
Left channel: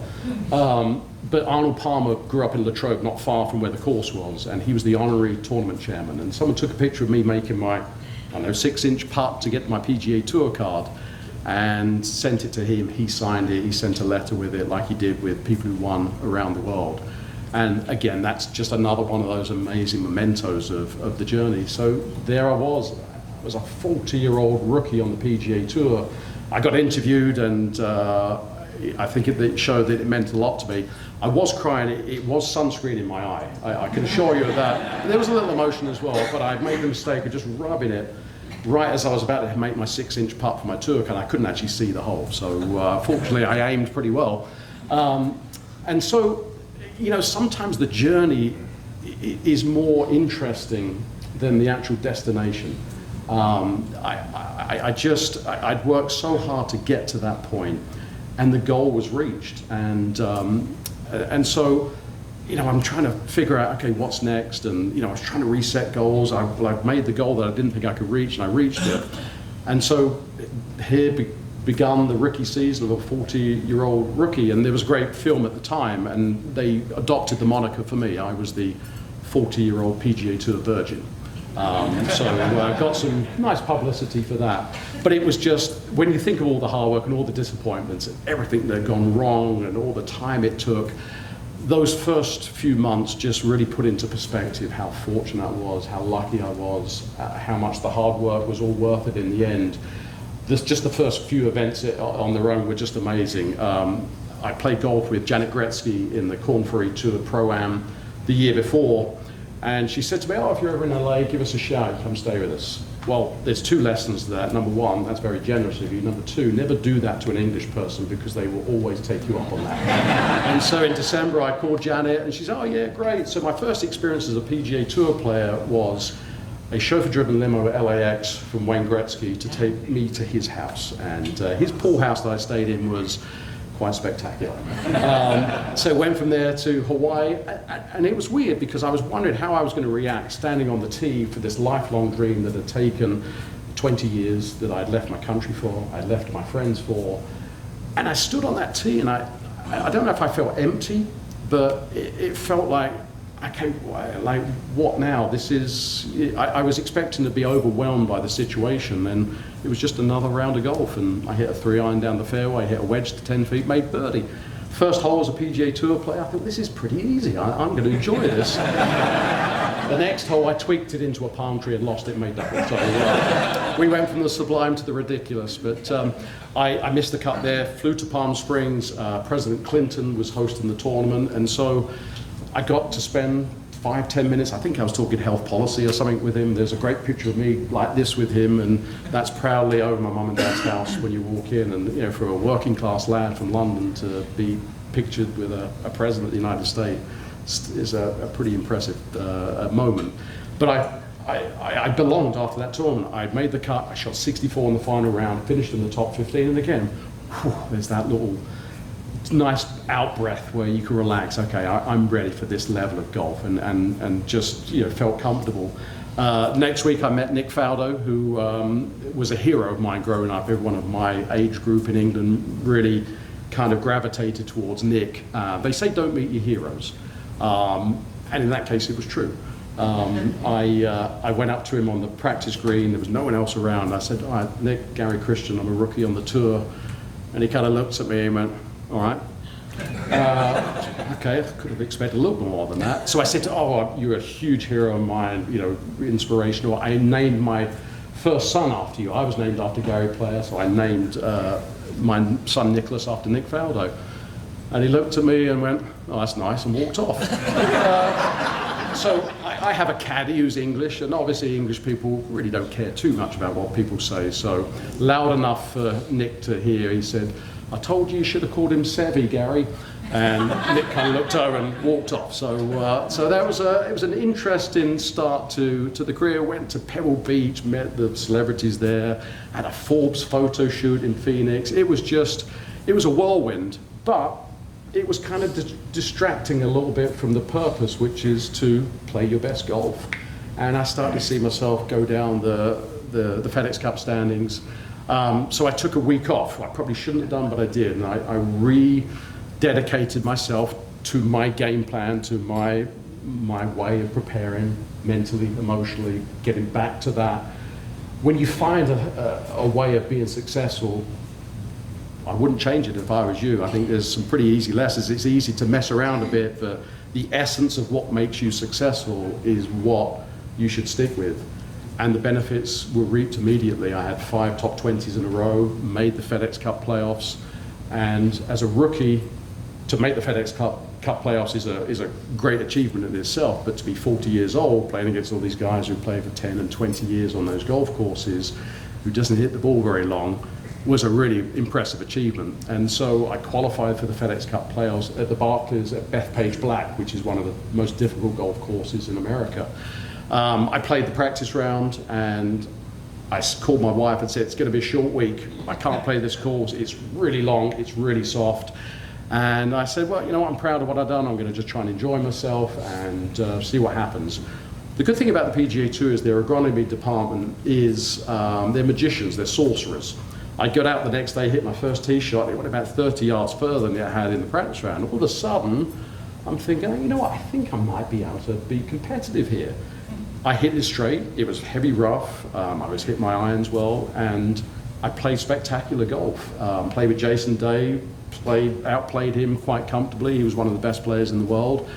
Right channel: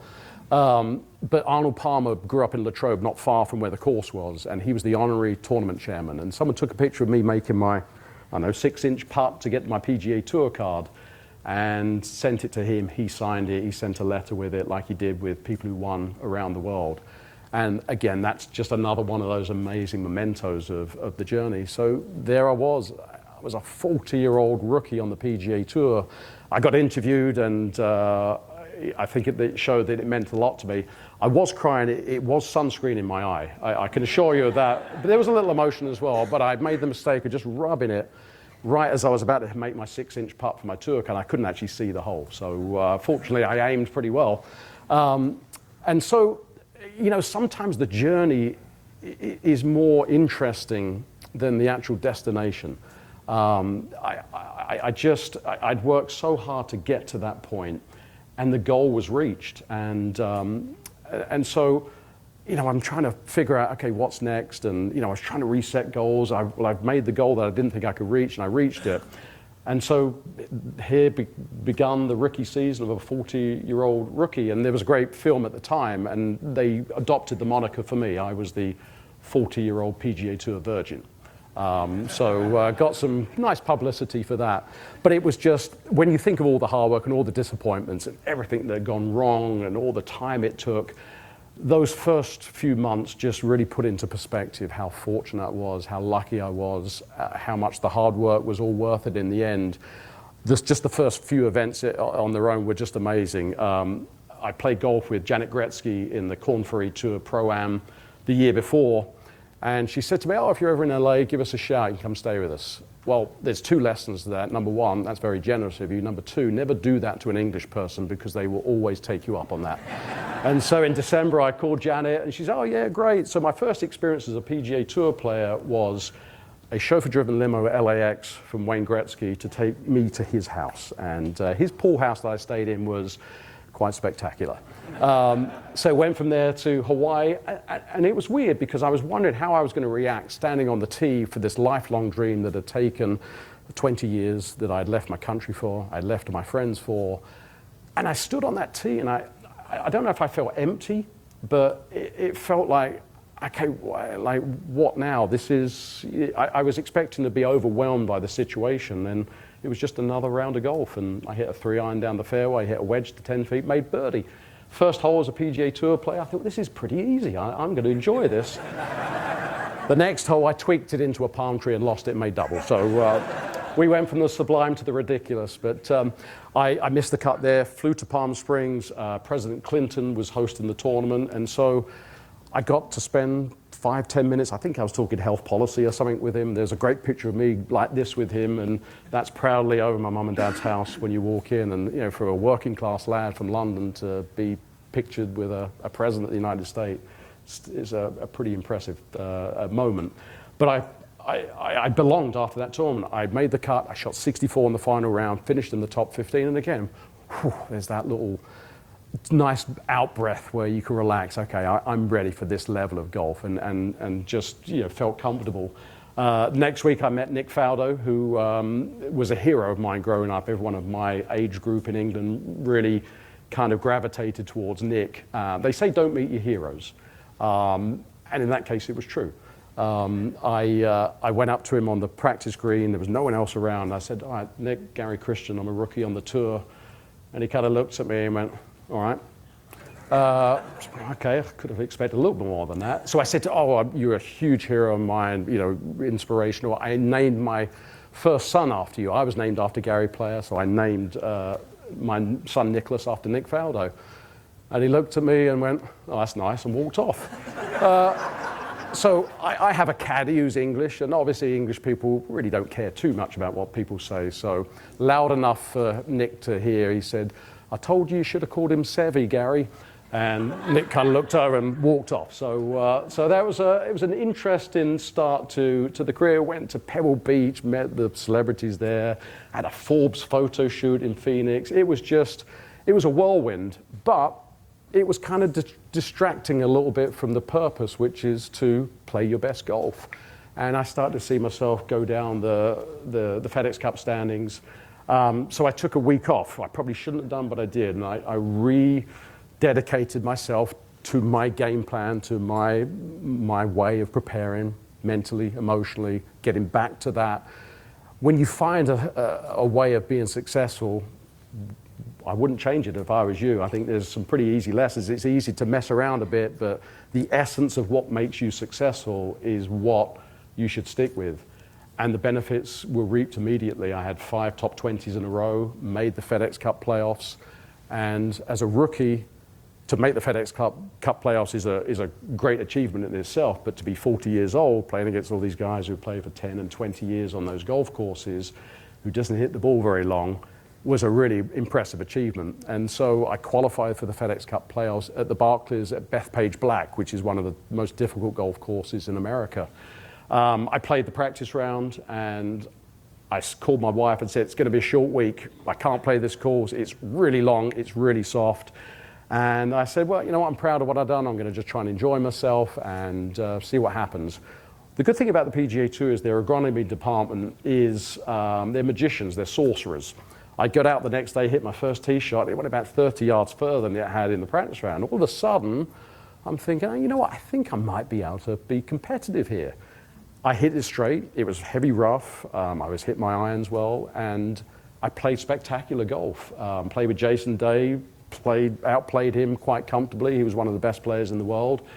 But Arnold Palmer grew up in Latrobe, not far from where the course was, and he was the honorary tournament chairman. And someone took a picture of me making my, I don't know, 6-inch putt to get my PGA Tour card, and sent it to him. He signed it. He sent a letter with it, like he did with people who won around the world. And again, that's just another one of those amazing mementos of the journey. So there I was. I was a 40-year-old rookie on the PGA Tour. I got interviewed, and I think it showed that it meant a lot to me. I was crying. It was sunscreen in my eye. I can assure you of that. There was a little emotion as well, but I made the mistake of just rubbing it right as I was about to make my 6-inch putt for my tour card. I couldn't actually see the hole, so fortunately I aimed pretty well. And so, you know, sometimes the journey is more interesting than the actual destination. I'd worked so hard to get to that point, and the goal was reached. And so, you know, I'm trying to figure out, okay, what's next? And, you know, I was trying to reset goals. I've made the goal that I didn't think I could reach, and I reached it. And so here begun the rookie season of a 40-year-old rookie. And there was a great film at the time, and they adopted the moniker for me. I was the 40-year-old PGA Tour virgin. So got some nice publicity for that. But it was just, when you think of all the hard work and all the disappointments, everything that had gone wrong and all the time it took, those first few months just really put into perspective how fortunate I was, how lucky I was, how much the hard work was all worth it in the end. Just the first few events on their own were just amazing. I played golf with Janet Gretzky in the Corn Ferry Tour Pro-Am the year before. And she said to me, oh, if you're ever in LA, give us a shout, you come stay with us. Well, there's 2 lessons to that. Number 1, that's very generous of you. Number 2, never do that to an English person, because they will always take you up on that. And so in December, I called Janet, and she said, oh yeah, great. So my first experience as a PGA Tour player was a chauffeur-driven limo at LAX from Wayne Gretzky to take me to his house. And his pool house that I stayed in was quite spectacular. So went from there to Hawaii, and it was weird because I was wondering how I was going to react standing on the tee for this lifelong dream that had taken 20 years that I'd left my country for, I'd left my friends for, and I stood on that tee, and I don't know if I felt empty, but it felt like, okay, like what now? This is, I was expecting to be overwhelmed by the situation, and it was just another round of golf, and I hit a 3-iron down the fairway, hit a wedge to 10 feet, made birdie. First hole as a PGA Tour player, I thought, this is pretty easy, I'm going to enjoy this. The next hole, I tweaked it into a palm tree and lost it, made double. So we went from the sublime to the ridiculous. But I missed the cut there, flew to Palm Springs. President Clinton was hosting the tournament. And so I got to spend 5-10 minutes, I think I was talking health policy or something with him. There's a great picture of me like this with him, and that's proudly over my mum and dad's house when you walk in. And you know, for a working class lad from London to be pictured with a president of the United States is a pretty impressive moment. But I belonged after that tournament. I made the cut, I shot 64 in the final round, finished in the top 15, and again, whew, there's that little nice out breath where you can relax. Okay, I'm ready for this level of golf, and just, you know, felt comfortable. Next week I met Nick Faldo, who was a hero of mine growing up. Everyone of my age group in England really kind of gravitated towards Nick. They say don't meet your heroes. And in that case, it was true. I went up to him on the practice green. There was no one else around. I said, all right, Nick, Gary Christian, I'm a rookie on the tour. And he kind of looked at me and went, all right. Okay, I could have expected a little bit more than that. So I said, oh, you're a huge hero of mine, you know, inspirational. I named my first son after you. I was named after Gary Player, so I named my son Nicholas after Nick Faldo. And he looked at me and went, oh, that's nice, and walked off. So I have a caddy who's English, and obviously English people really don't care too much about what people say. So loud enough for Nick to hear, he said, I told you should have called him Savvy, Gary. And Nick kind of looked over and walked off. So that was it was an interesting start to the career. Went to Pebble Beach, met the celebrities there, had a Forbes photo shoot in Phoenix. It was a whirlwind, but it was kind of distracting a little bit from the purpose, which is to play your best golf. And I started to see myself go down the FedEx Cup standings. So I took a week off. I probably shouldn't have done, but I did. And I rededicated myself to my game plan, to my way of preparing mentally, emotionally, getting back to that. When you find a way of being successful, I wouldn't change it if I was you. I think there's some pretty easy lessons. It's easy to mess around a bit, but the essence of what makes you successful is what you should stick with. And the benefits were reaped immediately. I had 5 top 20s in a row, made the FedEx Cup playoffs, and as a rookie, to make the FedEx Cup playoffs is a great achievement in itself, but to be 40 years old, playing against all these guys who play for 10 and 20 years on those golf courses, who doesn't hit the ball very long, was a really impressive achievement. And so I qualified for the FedEx Cup playoffs at the Barclays at Bethpage Black, which is one of the most difficult golf courses in America. I played the practice round, and I called my wife and said, it's going to be a short week. I can't play this course. It's really long. It's really soft. And I said, well, you know what? I'm proud of what I've done. I'm going to just try and enjoy myself and see what happens. The good thing about the PGA Tour is their agronomy department is they're magicians. They're sorcerers. I got out the next day, hit my first tee shot. It went about 30 yards further than it had in the practice round. All of a sudden, I'm thinking, you know what? I think I might be able to be competitive here. I hit it straight. It was heavy rough. I was hitting my irons well, and I played spectacular golf. Played with Jason Day, outplayed him quite comfortably. He was one of the best players in the world.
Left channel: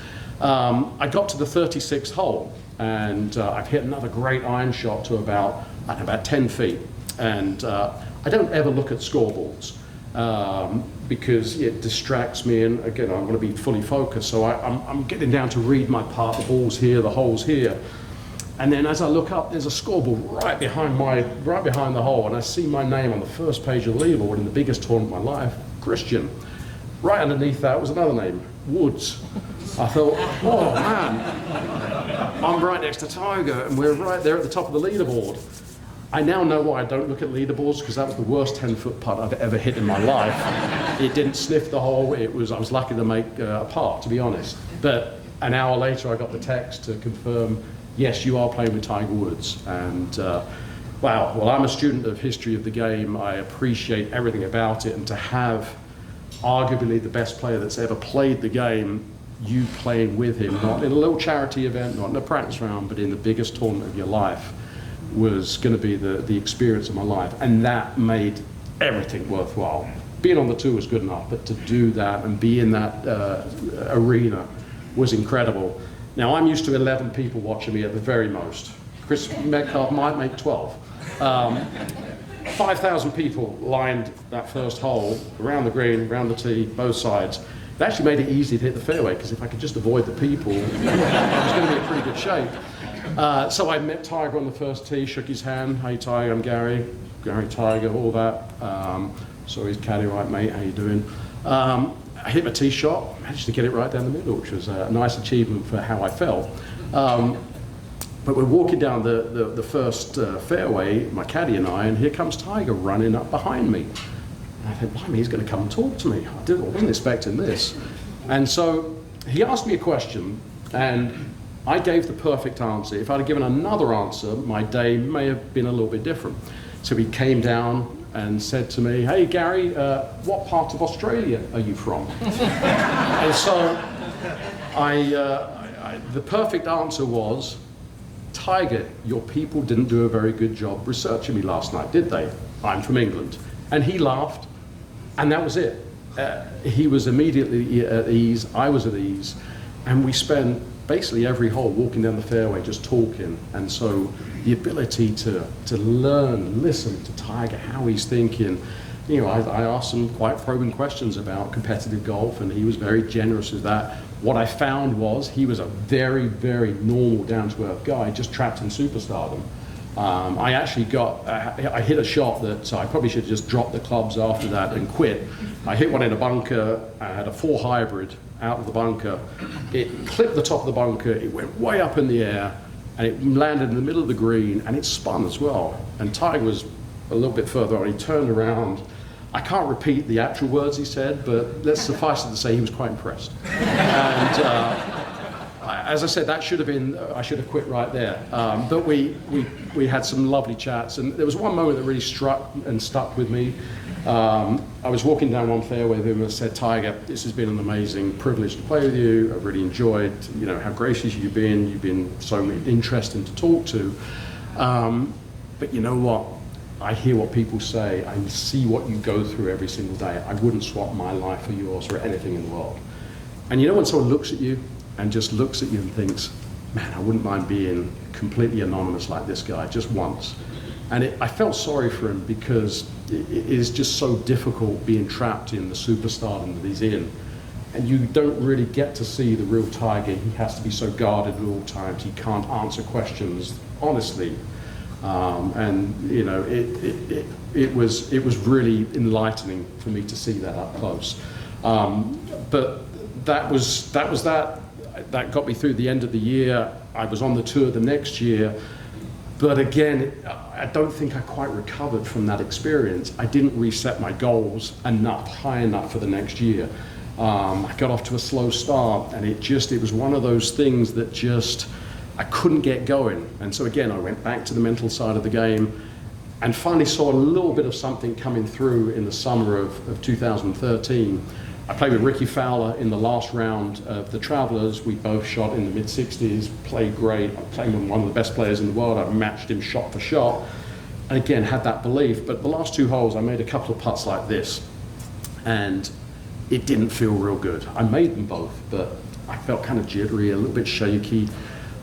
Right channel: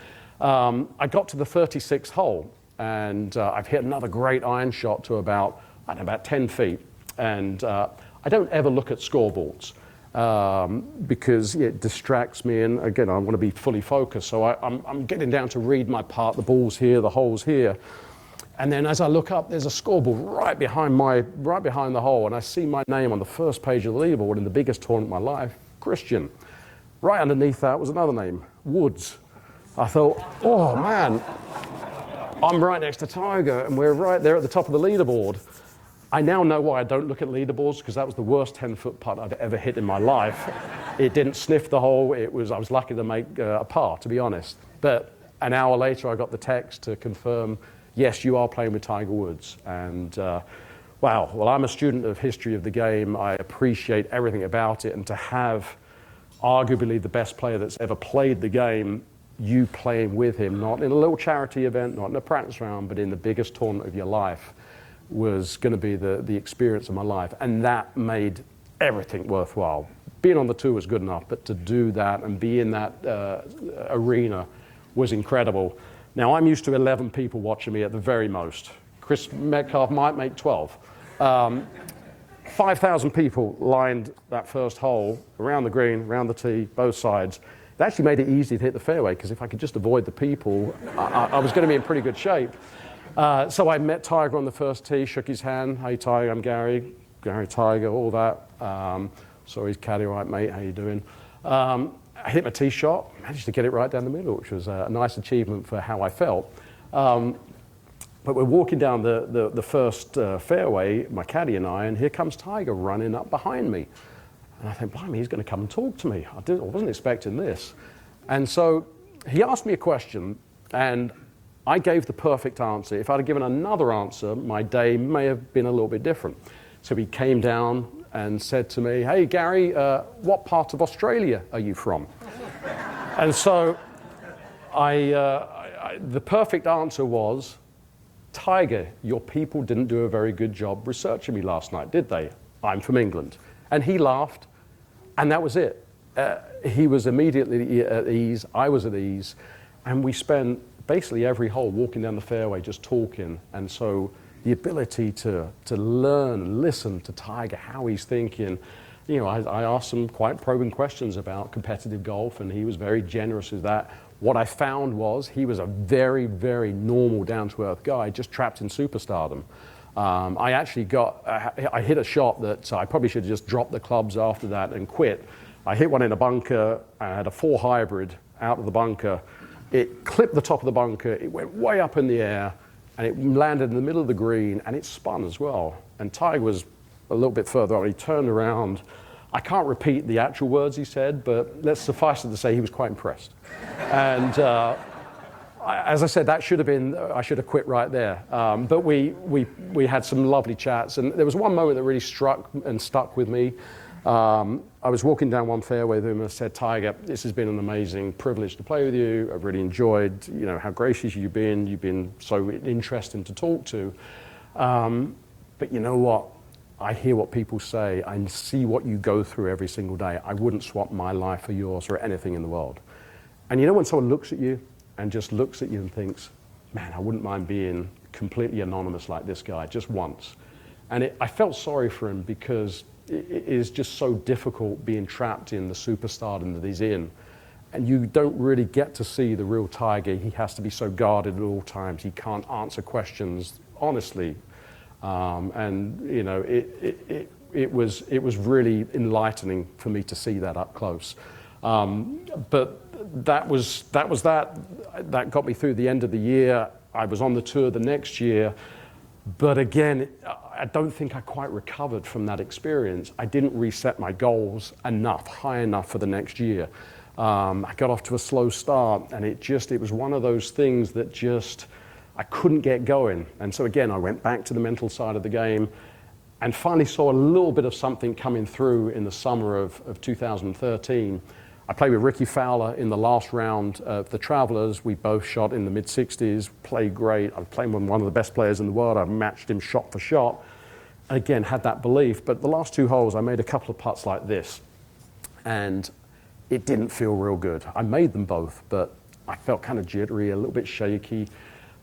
I got to the 36th hole, and I've hit another great iron shot to about 10 feet. And I don't ever look at scoreboards because it distracts me, and again, I want to be fully focused. So I'm getting down to read my part, the ball's here, the hole's here. And then as I look up, there's a scoreboard right behind the hole, and I see my name on the first page of the leaderboard in the biggest tournament of my life, Christian. Right underneath that was another name, Woods. I thought, oh man, I'm right next to Tiger, and we're right there at the top of the leaderboard. I now know why I don't look at leaderboards, because that was the worst 10-foot putt I've ever hit in my life. It didn't sniff the hole. I was lucky to make a par, to be honest. But an hour later, I got the text to confirm, yes, you are playing with Tiger Woods. And Wow, well, I'm a student of history of the game. I appreciate everything about it, and to have arguably the best player that's ever played the game, you playing with him, not in a little charity event, not in a practice round, but in the biggest tournament of your life, was going to be the experience of my life. And that made everything worthwhile. Being on the tour was good enough, but to do that and be in that arena was incredible. Now, I'm used to 11 people watching me at the very most. Chris Metcalf might make 12. 5,000 people lined that first hole around the green, around the tee, both sides. It actually made it easy to hit the fairway, because if I could just avoid the people, I was going to be in pretty good shape. So I met Tiger on the first tee, shook his hand. Hey Tiger, I'm Gary. Gary Tiger, all that. Sorry, he's caddy, right mate, how you doing? I hit my tee shot, managed to get it right down the middle, which was a nice achievement for how I felt. But we're walking down the first fairway, my caddy and I, and here comes Tiger running up behind me. And I think, blimey, he's going to come and talk to me. I wasn't expecting this. And so he asked me a question, and I gave the perfect answer. If I'd have given another answer, my day may have been a little bit different. So he came down and said to me, hey, Gary, what part of Australia are you from? And so the perfect answer was, Tiger, your people didn't do a very good job researching me last night, did they? I'm from England. And he laughed, and that was it. He was immediately at ease, I was at ease, and we spent basically every hole walking down the fairway just talking. And so the ability to learn, listen to Tiger, how he's thinking. You know, I asked some quite probing questions about competitive golf, and he was very generous with that. What I found was he was a very, very normal, down-to-earth guy, just trapped in superstardom. I actually I hit a shot that I probably should have just dropped the clubs after that and quit. I hit one in a bunker. I had a 4 hybrid out of the bunker. It clipped the top of the bunker. It went way up in the air, and it landed in the middle of the green, and it spun as well. And Tiger was a little bit further on. He turned around. I can't repeat the actual words he said, but let's suffice it to say he was quite impressed. And as I said, that should have been, I should have quit right there. But we had some lovely chats, and there was one moment that really struck and stuck with me. I was walking down one fairway with him and said, Tiger, this has been an amazing privilege to play with you. I've really enjoyed, you know, how gracious you've been. You've been so interesting to talk to. But you know what? I hear what people say. I see what you go through every single day. I wouldn't swap my life for yours or anything in the world. And you know when someone looks at you and just looks at you and thinks, man, I wouldn't mind being completely anonymous like this guy, just once. And I felt sorry for him, because it is just so difficult being trapped in the superstardom that he's in. And you don't really get to see the real Tiger. He has to be so guarded at all times. He can't answer questions honestly. And you know, it was really enlightening for me to see that up close. But that got me through the end of the year. I was on the tour the next year, but again, I don't think I quite recovered from that experience. I didn't reset my goals high enough for the next year. I got off to a slow start, and it was one of those things that just, I couldn't get going. And so again, I went back to the mental side of the game and finally saw a little bit of something coming through in the summer of 2013. I played with Ricky Fowler in the last round of the Travelers. We both shot in the mid-60s, played great. I'm playing with one of the best players in the world. I've matched him shot for shot. And again, had that belief. But the last 2 holes, I made a couple of putts like this, and it didn't feel real good. I made them both, but I felt kind of jittery, a little bit shaky.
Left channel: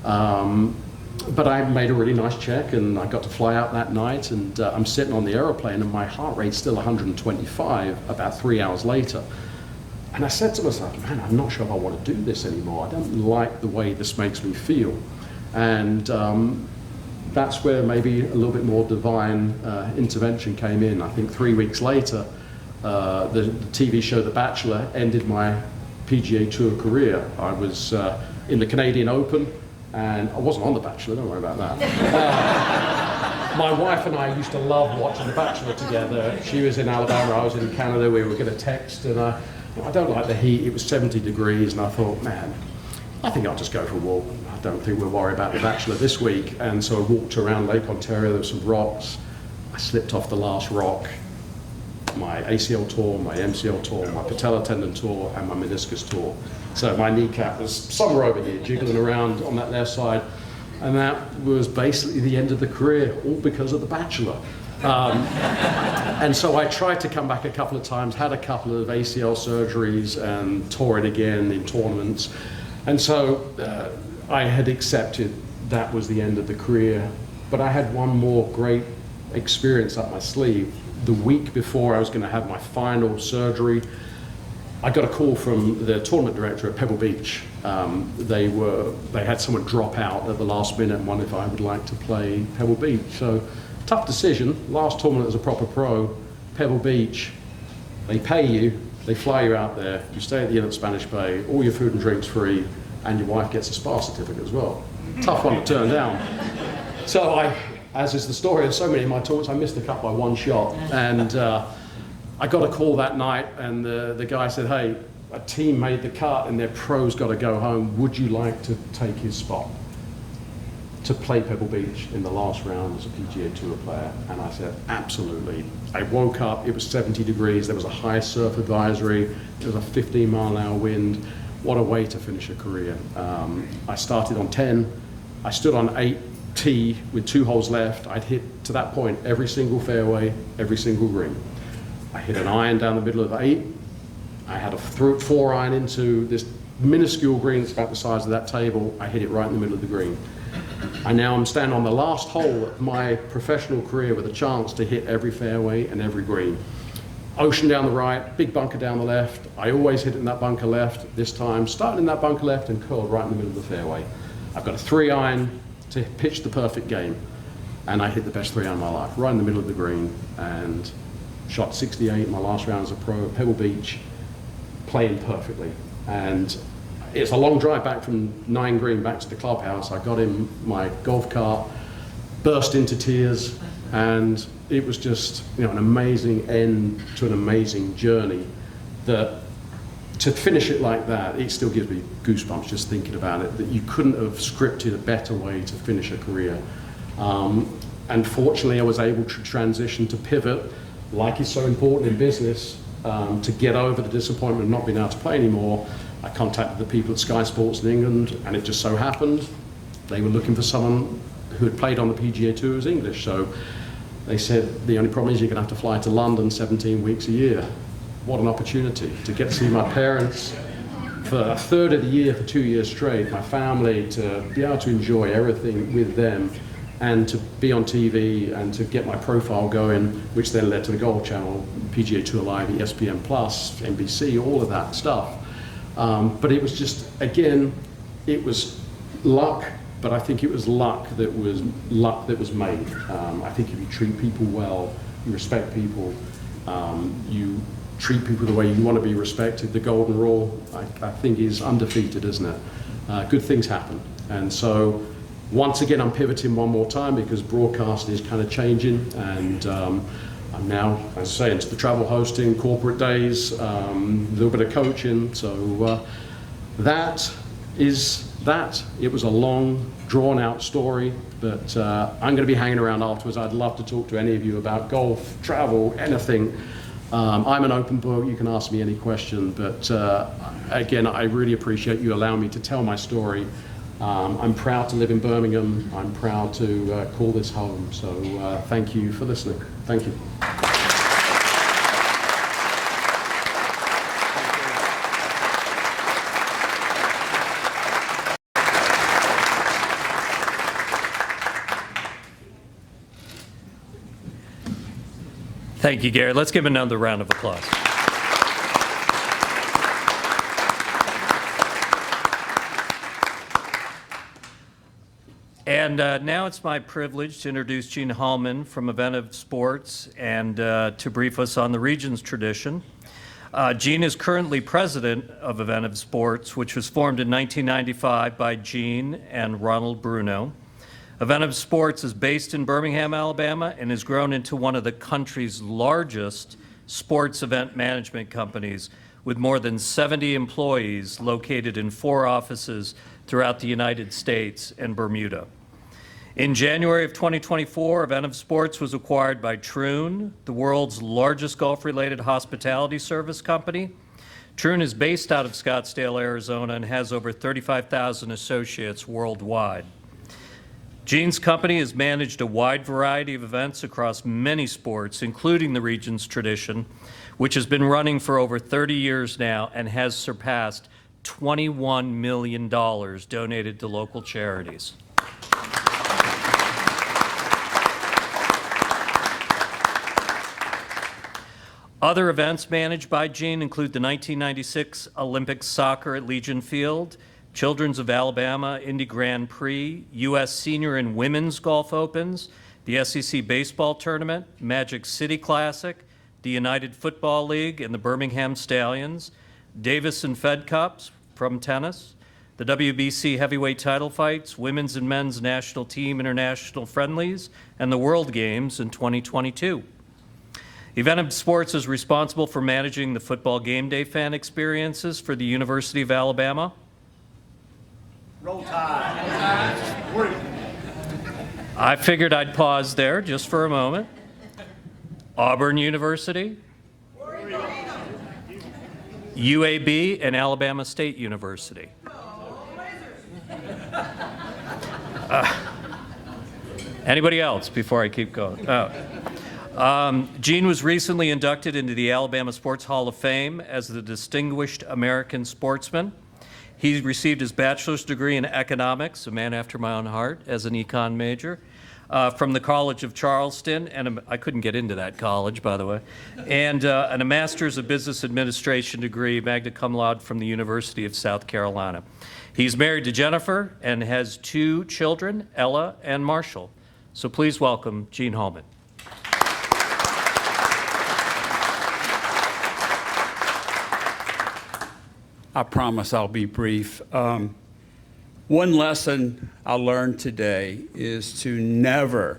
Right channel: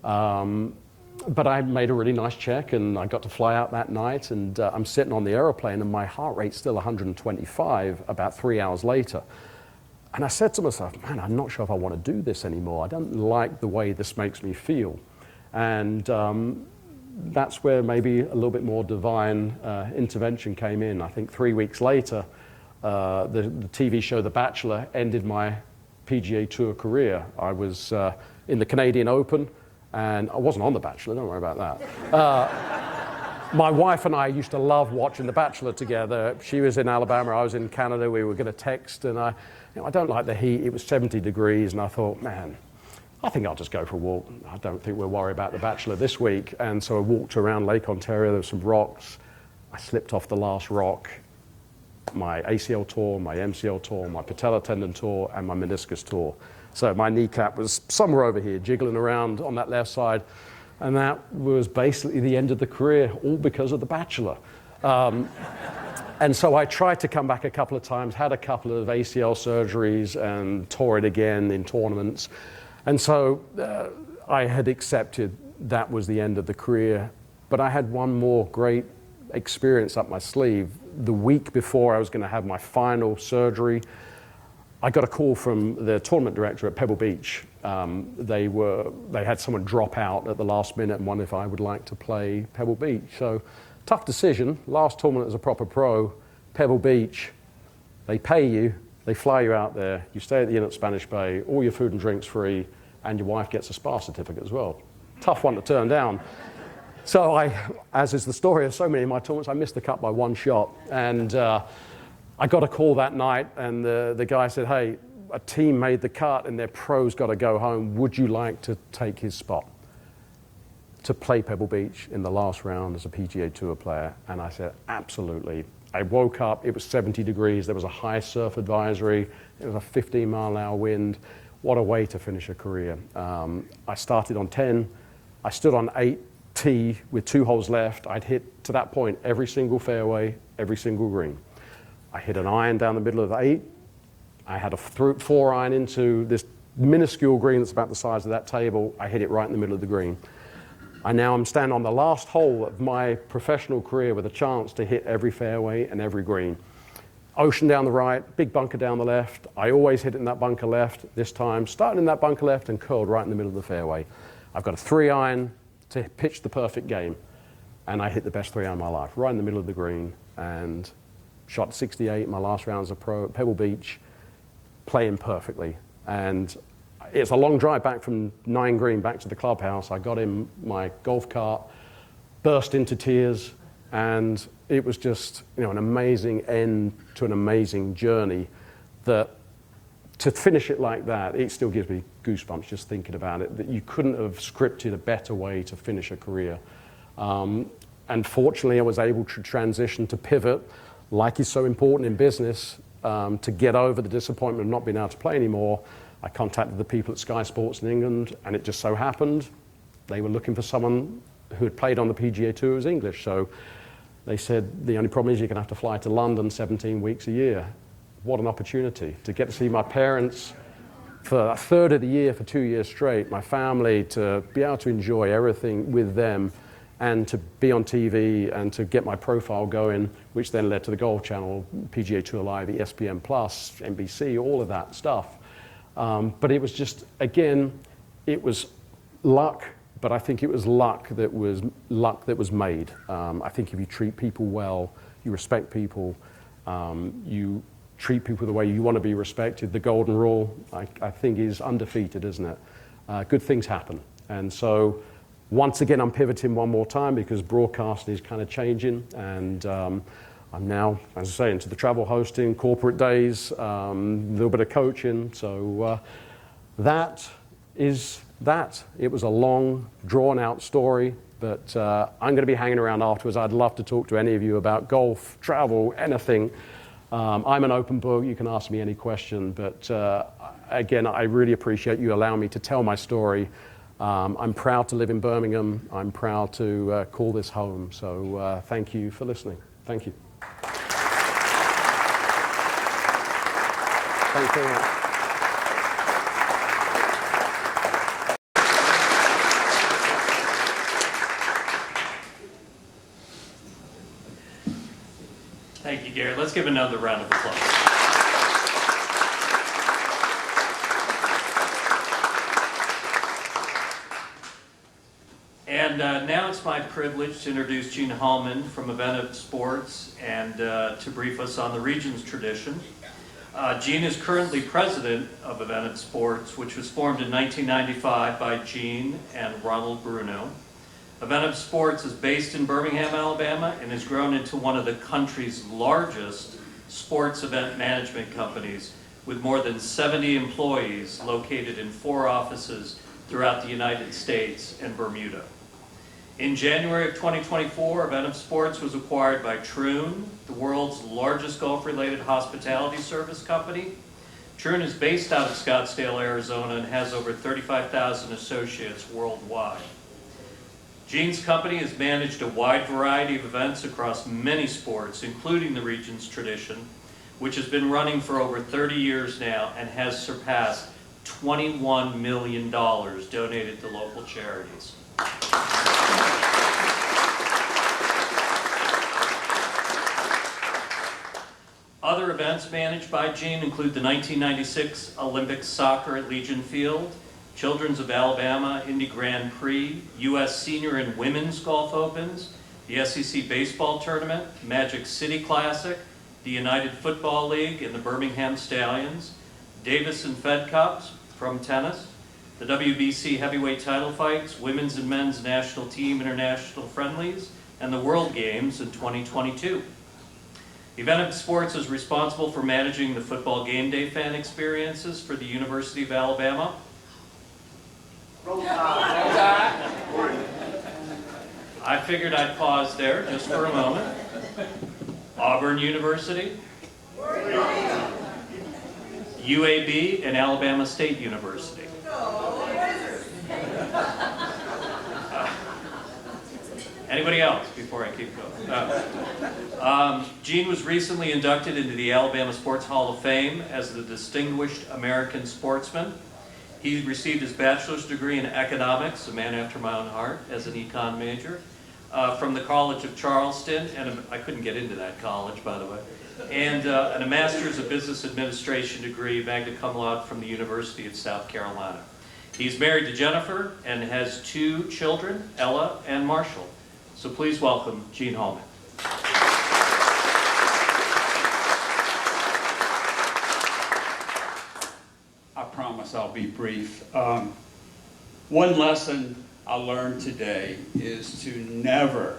But I made a really nice check, and I got to fly out that night, and I'm sitting on the aeroplane, and my heart rate's still 125 about 3 hours later. And I said to myself, man, I'm not sure if I want to do this anymore. I don't like the way this makes me feel. And that's where maybe a little bit more divine intervention came in. I think 3 weeks later, the TV show The Bachelor ended my PGA Tour career. I was in the Canadian Open, and I wasn't on The Bachelor, don't worry about that. My wife and I used to love watching The Bachelor together. She was in Alabama, I was in Canada. We were going to text, and I don't like the heat. It was 70 degrees, and I thought, man, I think I'll just go for a walk. I don't think we'll worry about the Bachelor this week. And so I walked around Lake Ontario, there were some rocks. I slipped off the last rock. My ACL tore, my MCL tore, my patella tendon tore, and my meniscus tore. So my kneecap was somewhere over here, jiggling around on that left side. And that was basically the end of the career, all because of the Bachelor. And so I tried to come back a couple of times, had a couple of ACL surgeries and tore it again in tournaments. And so I had accepted that was the end of the career. But I had one more great experience up my sleeve. The week before I was going to have my final surgery, I got a call from the tournament director at Pebble Beach. They had someone drop out at the last minute and wondered if I would like to play Pebble Beach. So tough decision. Last tournament as a proper pro, Pebble Beach. They pay you, they fly you out there, you stay at the Inn at Spanish Bay, all your food and drinks free, and your wife gets a spa certificate as well. Tough one to turn down. So as is the story of so many of my tournaments, I missed the cut by one shot. And I got a call that night, and the guy said, hey, a team made the cut and their pro's got to go home. Would you like to take his spot to play Pebble Beach in the last round as a PGA Tour player? And I said, absolutely. I woke up, it was 70 degrees, there was a high surf advisory, there was a 15-mile-an-hour wind. What a way to finish a career. I started on 10, I stood on 8T with 2 holes left. I'd hit, to that point, every single fairway, every single green. I hit an iron down the middle of 8. I had a 4 iron into this minuscule green that's about the size of that table. I hit it right in the middle of the green. I now am standing on the last hole of my professional career with a chance to hit every fairway and every green. Ocean down the right, big bunker down the left. I always hit it in that bunker left. This time, starting in that bunker left and curled right in the middle of the fairway. I've got a 3 iron to pitch the perfect game. And I hit the best 3 iron of my life, right in the middle of the green, and shot 68 in my last round as a pro at Pebble Beach, playing perfectly. And it's a long drive back from 9 green back to the clubhouse. I got in my golf cart, burst into tears, and it was just, you know, an amazing end to an amazing journey. That to finish it like that, it still gives me goosebumps just thinking about it, that you couldn't have scripted a better way to finish a career. And fortunately, I was able to transition to pivot, like is so important in business, to get over the disappointment of not being able to play anymore. I contacted the people at Sky Sports in England, and it just so happened they were looking for someone who had played on the PGA Tour as English. So they said, the only problem is you're going to have to fly to London 17 weeks a year. What an opportunity to get to see my parents for a third of the year for 2 years straight, my family, to be able to enjoy everything with them, and to be on TV and to get my profile going, which then led to the Golf Channel, PGA Tour Live, ESPN Plus, NBC, all of that stuff. But it was just, again, it was luck, but I think it was luck that was made. I think if you treat people well, you respect people, you treat people the way you want to be respected, the golden rule, I think is undefeated, isn't it? Good things happen. And so, once again, I'm pivoting one more time because broadcasting is kind of changing, and I'm now, as I say, into the travel hosting, corporate days, a little bit of coaching. So that is that. It was a long, drawn-out story, but I'm going to be hanging around afterwards. I'd love to talk to any of you about golf, travel, anything. I'm an open book. You can ask me any question, but again, I really appreciate you allowing me to tell my story. I'm proud to live in Birmingham. I'm proud to call this home. So thank you for listening. Thank you. Thank you. Thank you, Gary. Let's give another round of applause. And now it's my privilege to introduce Gene Hallman from Eventive Sports and to brief us on the region's tradition. Gene is currently president of Eventive Sports, which was formed in 1995 by Gene and Ronald Bruno. Eventive Sports is based in Birmingham, Alabama, and has grown into one of the country's largest sports event management companies, with more than 70 employees located in 4 offices throughout the United States and Bermuda. In January of 2024, Eventum Sports was acquired by Troon, the world's largest golf-related hospitality service company. Troon is based out of Scottsdale, Arizona, and has over 35,000 associates worldwide. Gene's company has managed a wide variety of events across many sports, including the Regions Tradition, which has been running for over 30 years now and has surpassed $21 million donated to local charities. Other events managed by Gene include the 1996 Olympic Soccer at Legion Field, Children's of Alabama Indy Grand Prix, U.S. Senior and Women's Golf Opens, the SEC Baseball Tournament, Magic City Classic, the United Football League and the Birmingham Stallions, Davis and Fed Cups from tennis, the WBC heavyweight title fights, women's and men's national team international friendlies, and the World Games in 2022. Eventum Sports is responsible for managing the football game day fan experiences for the University of Alabama. I figured I'd pause there just for a moment. Auburn University, UAB, and Alabama State University. Anybody else before I keep going? Gene was recently inducted into the Alabama Sports Hall of Fame as the Distinguished American Sportsman. He received his bachelor's degree in economics, a man after my own heart, as an econ major, from the College of Charleston, and I couldn't get into that college, by the way, and a master's of business administration degree, magna cum laude, from the University of South Carolina. He's married to Jennifer and has 2 children, Ella and Marshall. So please welcome Gene Holman. I promise I'll be brief. One lesson I learned today is to never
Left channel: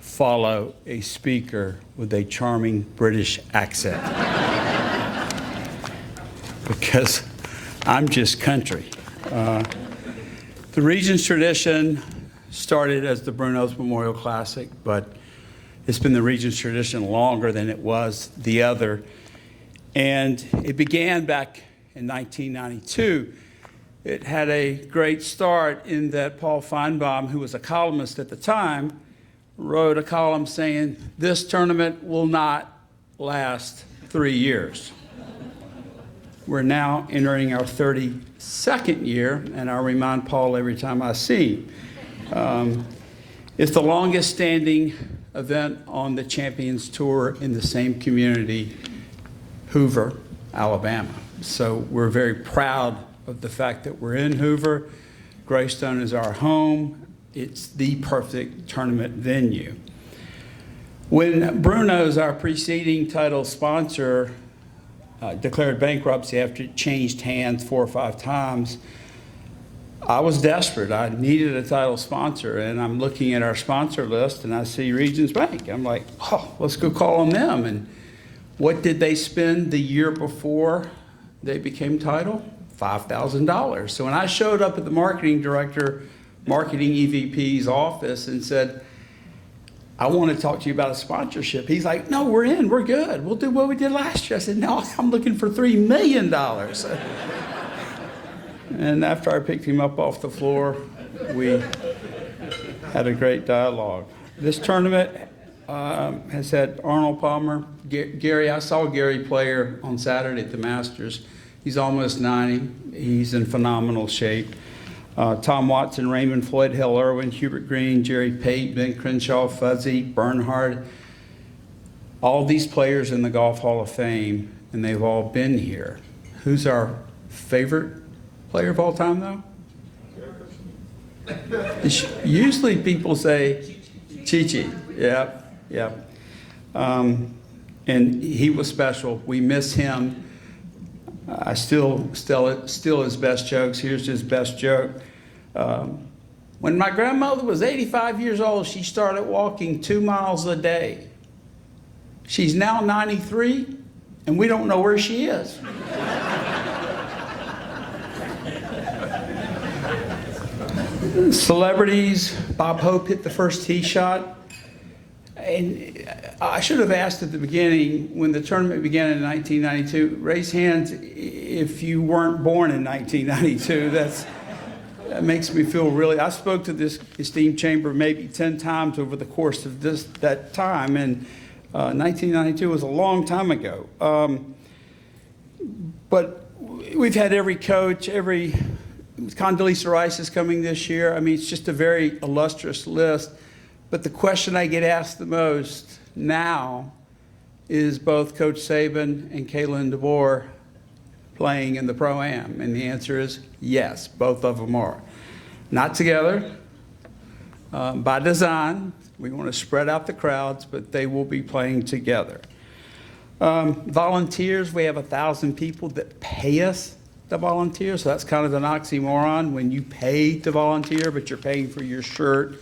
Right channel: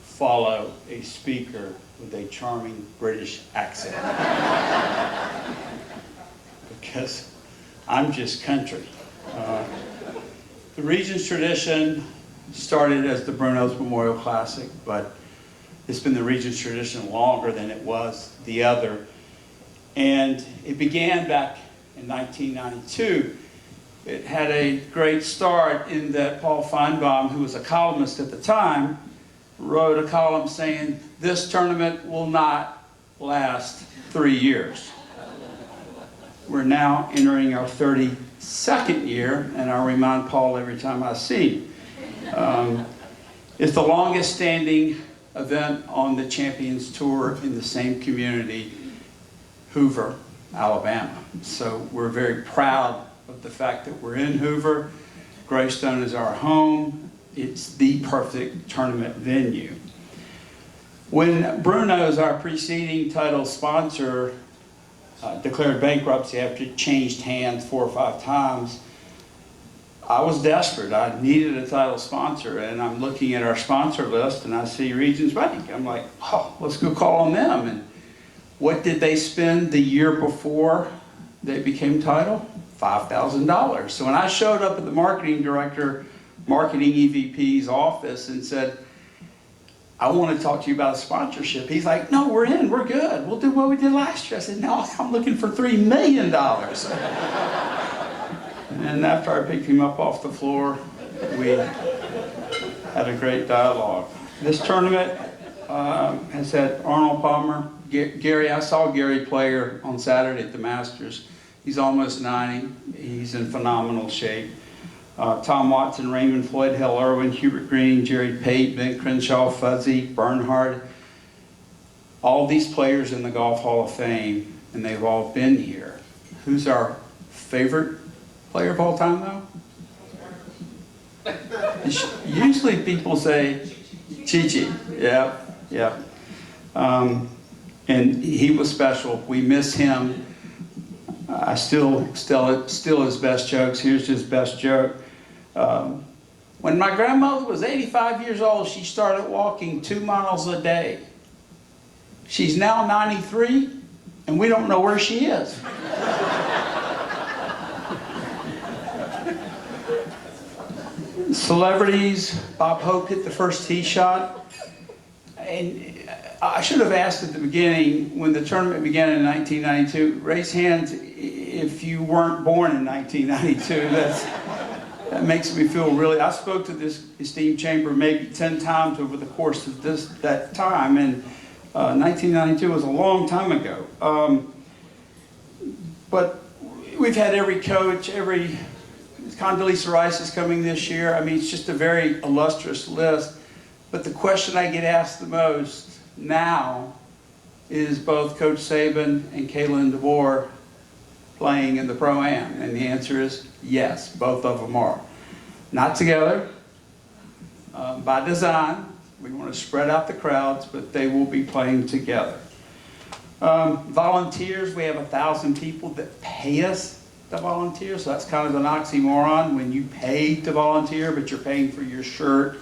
follow a speaker with a charming British accent. Because I'm just country. The Regions Tradition started as the Bruno's Memorial Classic, but it's been the Regions Tradition longer than it was the other. And it began back in 1992. It had a great start in that Paul Feinbaum, who was a columnist at the time, wrote a column saying, "This tournament will not last 3 years." We're now entering our 32nd year, and I remind Paul every time I see him. It's the longest standing event on the Champions Tour in the same community, Hoover, Alabama. So we're very proud of the fact that we're in Hoover. Greystone is our home. It's the perfect tournament venue. When Bruno's, our preceding title sponsor, declared bankruptcy after it changed hands 4 or 5 times, I was desperate. I needed a title sponsor, and I'm looking at our sponsor list, and I see Regions Bank. I'm like, oh, let's go call on them. And what did they spend the year before they became title? $5,000. So when I showed up at the marketing EVP's office and said, I want to talk to you about a sponsorship, he's like, no, we're in, we're good. We'll do what we did last year. I said, no, I'm looking for $3 million. And after I picked him up off the floor, we had a great dialogue. This tournament has had Arnold Palmer, Gary. I saw Gary play on Saturday at the Masters. He's almost 90. He's in phenomenal shape. Tom Watson, Raymond Floyd, Hill Irwin, Hubert Green, Jerry Pate, Ben Crenshaw, Fuzzy, Bernhard. All these players in the Golf Hall of Fame, and they've all been here. Who's our favorite player of all time, though? Usually people say Chi-Chi. Yeah, yeah. And he was special. We miss him. I still his best jokes. Here's his best joke. When my grandmother was 85 years old, she started walking 2 miles a day. She's now 93, and we don't know where she is. Celebrities, Bob Hope hit the first tee shot. And I should have asked at the beginning, when the tournament began in 1992, raise hands if you weren't born in 1992. That makes me feel really, I spoke to this esteemed chamber maybe 10 times over the course of that time, and 1992 was a long time ago. But we've had every coach, Condoleezza Rice is coming this year. I mean, it's just a very illustrious list. But the question I get asked the most now is both Coach Saban and Kalen DeVore playing in the Pro-Am? And the answer is yes, both of them are. Not together, by design. We want to spread out the crowds, but they will be playing together. Volunteers, we have 1,000 people that pay us to volunteer, so that's kind of an oxymoron when you pay to volunteer, but you're paying for your shirt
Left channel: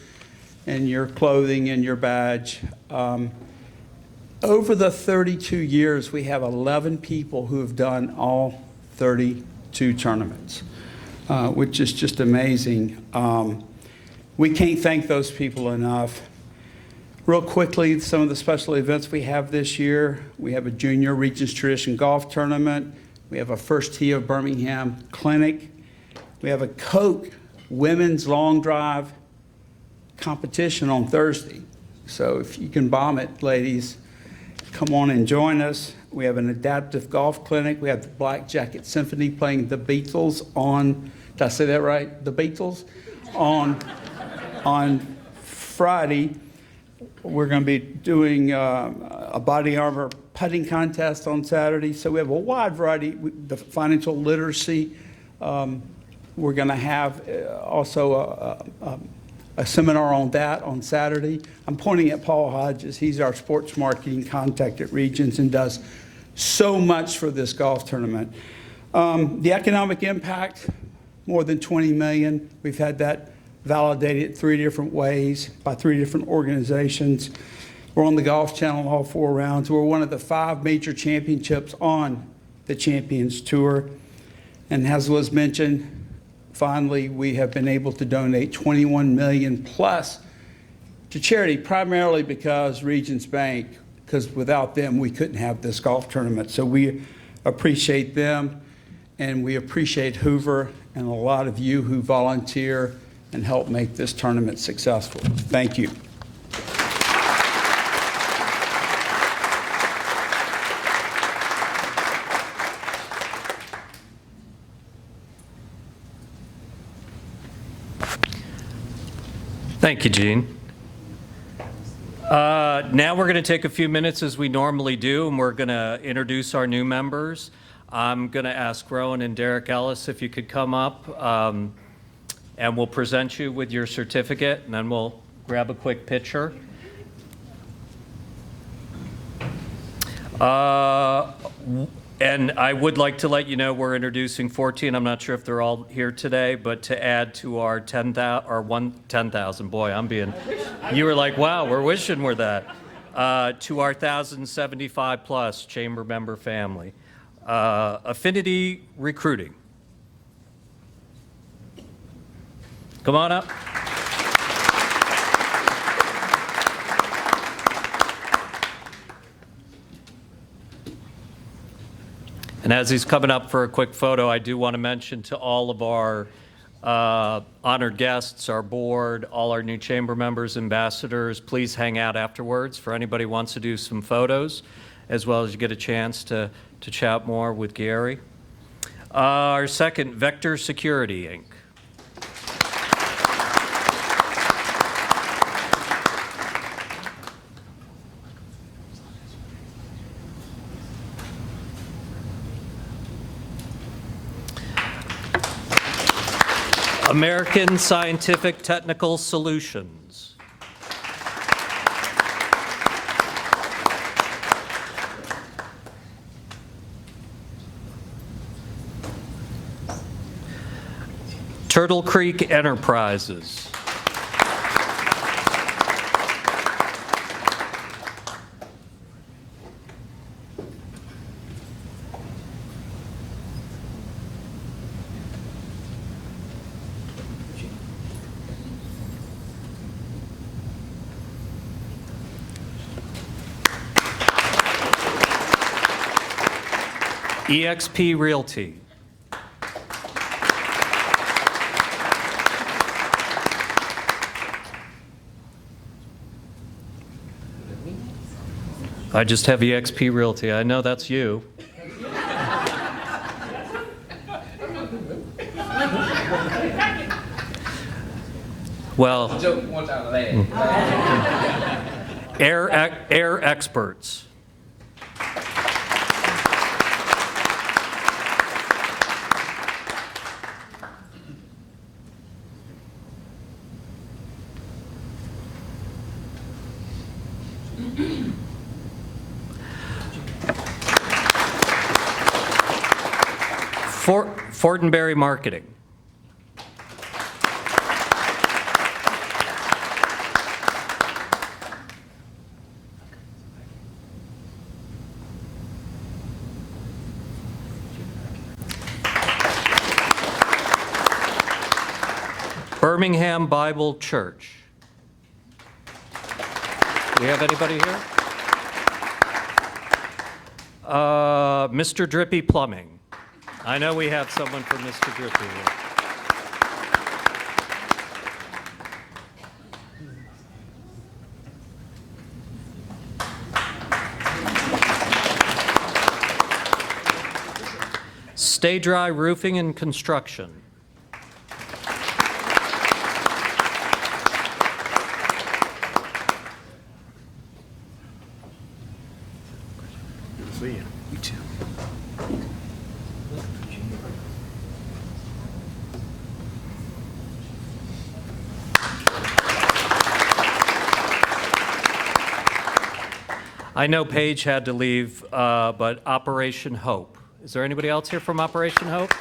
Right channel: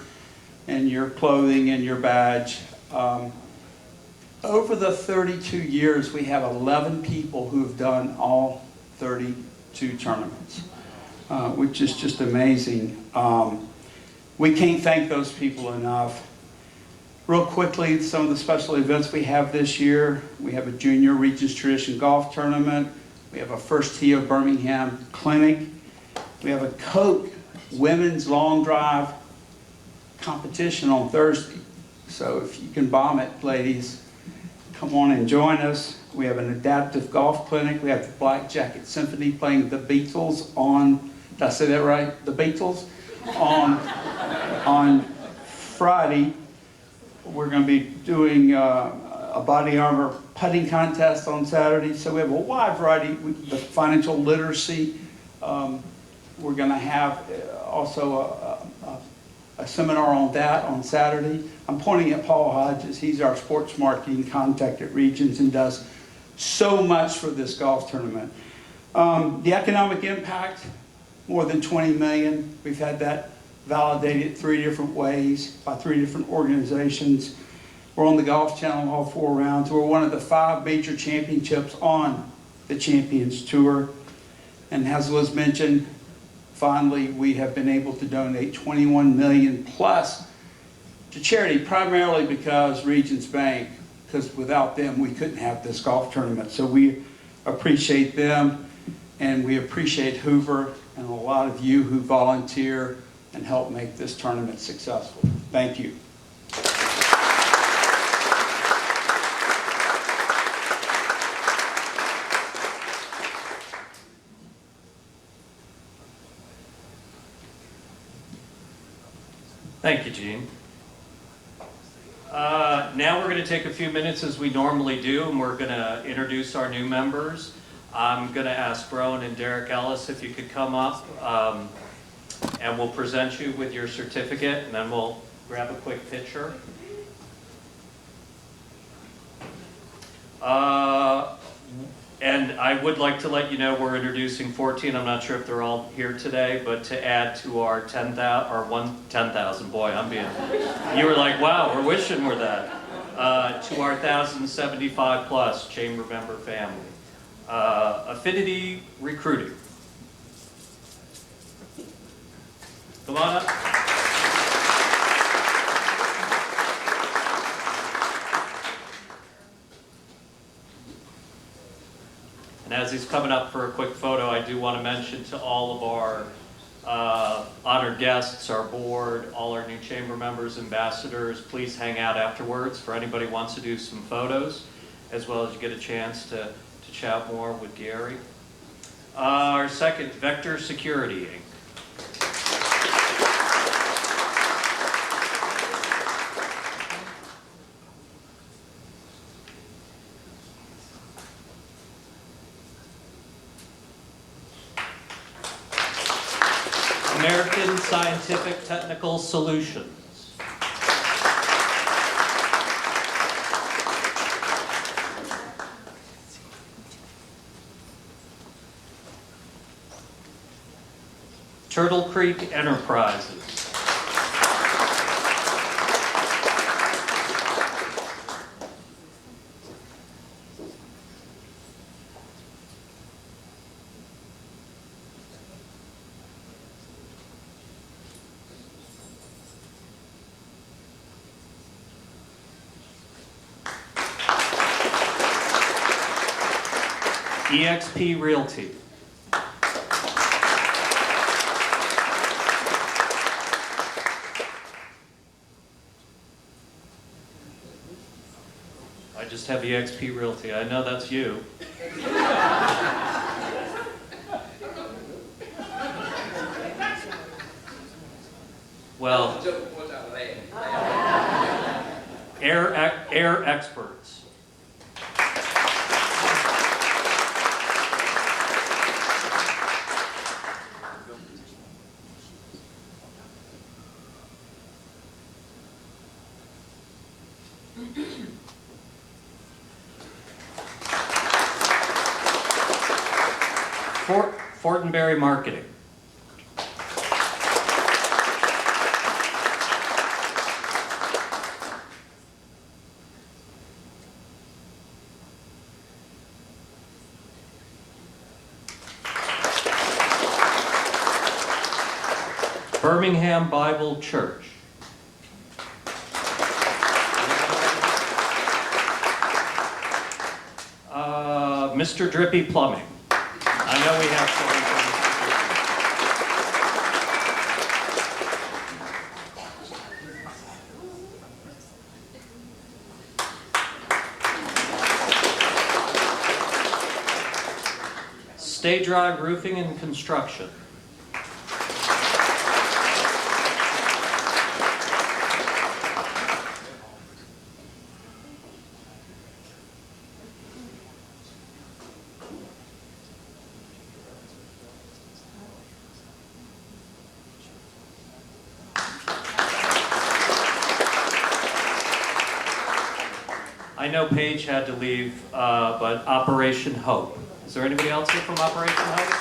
and your clothing and your badge. Over the 32 years, we have 11 people who have done all 32 tournaments, which is just amazing. We can't thank those people enough. Real quickly, some of the special events we have this year. We have a Junior Regents Tradition Golf Tournament. We have a First Tee of Birmingham Clinic. We have a Coke Women's Long Drive competition on Thursday. So if you can bomb it, ladies, come on and join us. We have an adaptive golf clinic. We have the Black Jacket Symphony playing the Beatles on, did I say that right? The Beatles on Friday. We're going to be doing a body armor putting contest on Saturday. So we have a wide variety. The financial literacy. We're going to have also a seminar on that on Saturday. I'm pointing at Paul Hodges. He's our sports marketing contact at Regions and does so much for this golf tournament. The economic impact, more than 20 million. We've had that validated 3 different ways by 3 different organizations. We're on the Golf Channel all 4 rounds. We're one of the 5 major championships on the Champions Tour. And as was mentioned, finally, we have been able to donate 21 million plus to charity, primarily because Regions Bank, because without them, we couldn't have this golf tournament. So we appreciate them, and we appreciate Hoover and a lot of you who volunteer and help make this tournament successful. Thank you. Thank you, Gene. Now we're going to take a few minutes as we normally do, and we're going to introduce our new members. I'm going to ask Rowan and Derek Ellis if you could come up, and we'll present you with your certificate, and then we'll grab a quick picture. And I would like to let you know we're introducing 14. I'm not sure if they're all here today, but to add to our 10,000, boy, I'm being, you were like, wow, we're wishing we're that, to our 1,075 plus chamber member family. Affinity Recruiting. Come on up. And as he's coming up for a quick photo, I do want to mention to all of our honored guests, our board, all our new chamber members, ambassadors, please hang out afterwards for anybody who wants to do some photos, as well as you get a chance to chat more with Gary. Our second, Vector Security, Inc. American Scientific Technical Solutions. Turtle Creek Enterprises. eXp Realty. I just have eXp Realty. I know that's you. Well, air experts. Fortenberry Marketing. Birmingham Bible Church. Do we have anybody here? Mr. Drippy Plumbing. I know we have someone from Mr. Drippy. Stay Dry Roofing and Construction. I know Paige had to leave, but Operation Hope. Is there anybody else here from Operation Hope?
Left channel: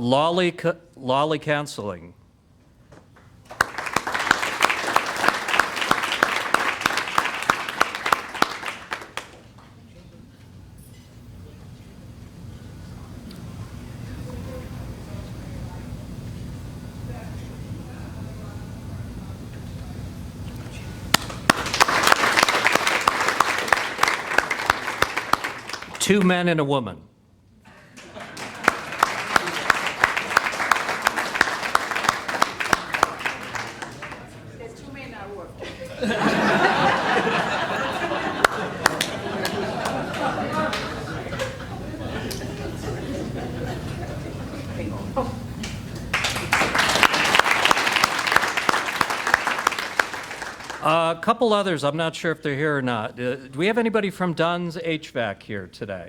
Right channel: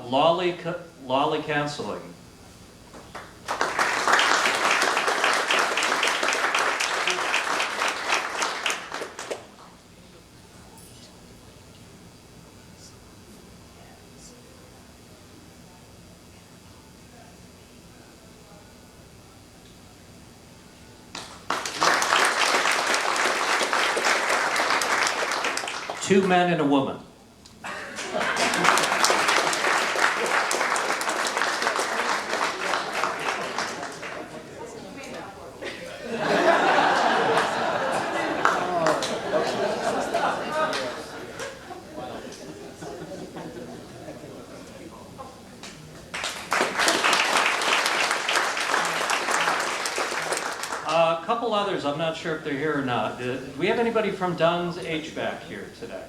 Lolly Counseling. Two men and a woman. A couple others, I'm not sure if they're here or not. Do we have anybody from Dunn's HVAC here today?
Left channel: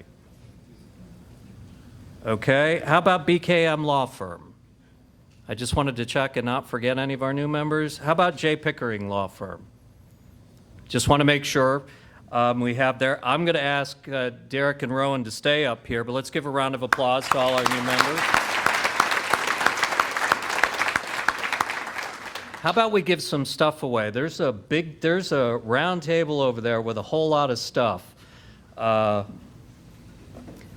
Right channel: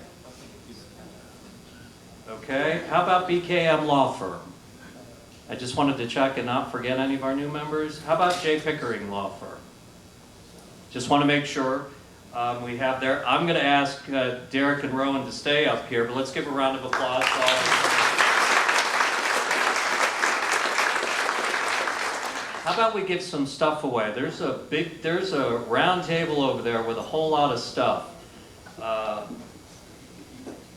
Okay, how about BKM Law Firm? I just wanted to check and not forget any of our new members. How about J. Pickering Law Firm? Just want to make sure we have there. I'm going to ask Derek and Rowan to stay up here, but let's give a round of applause to all our new members. How about we give some stuff away? There's a round table over there with a whole lot of stuff.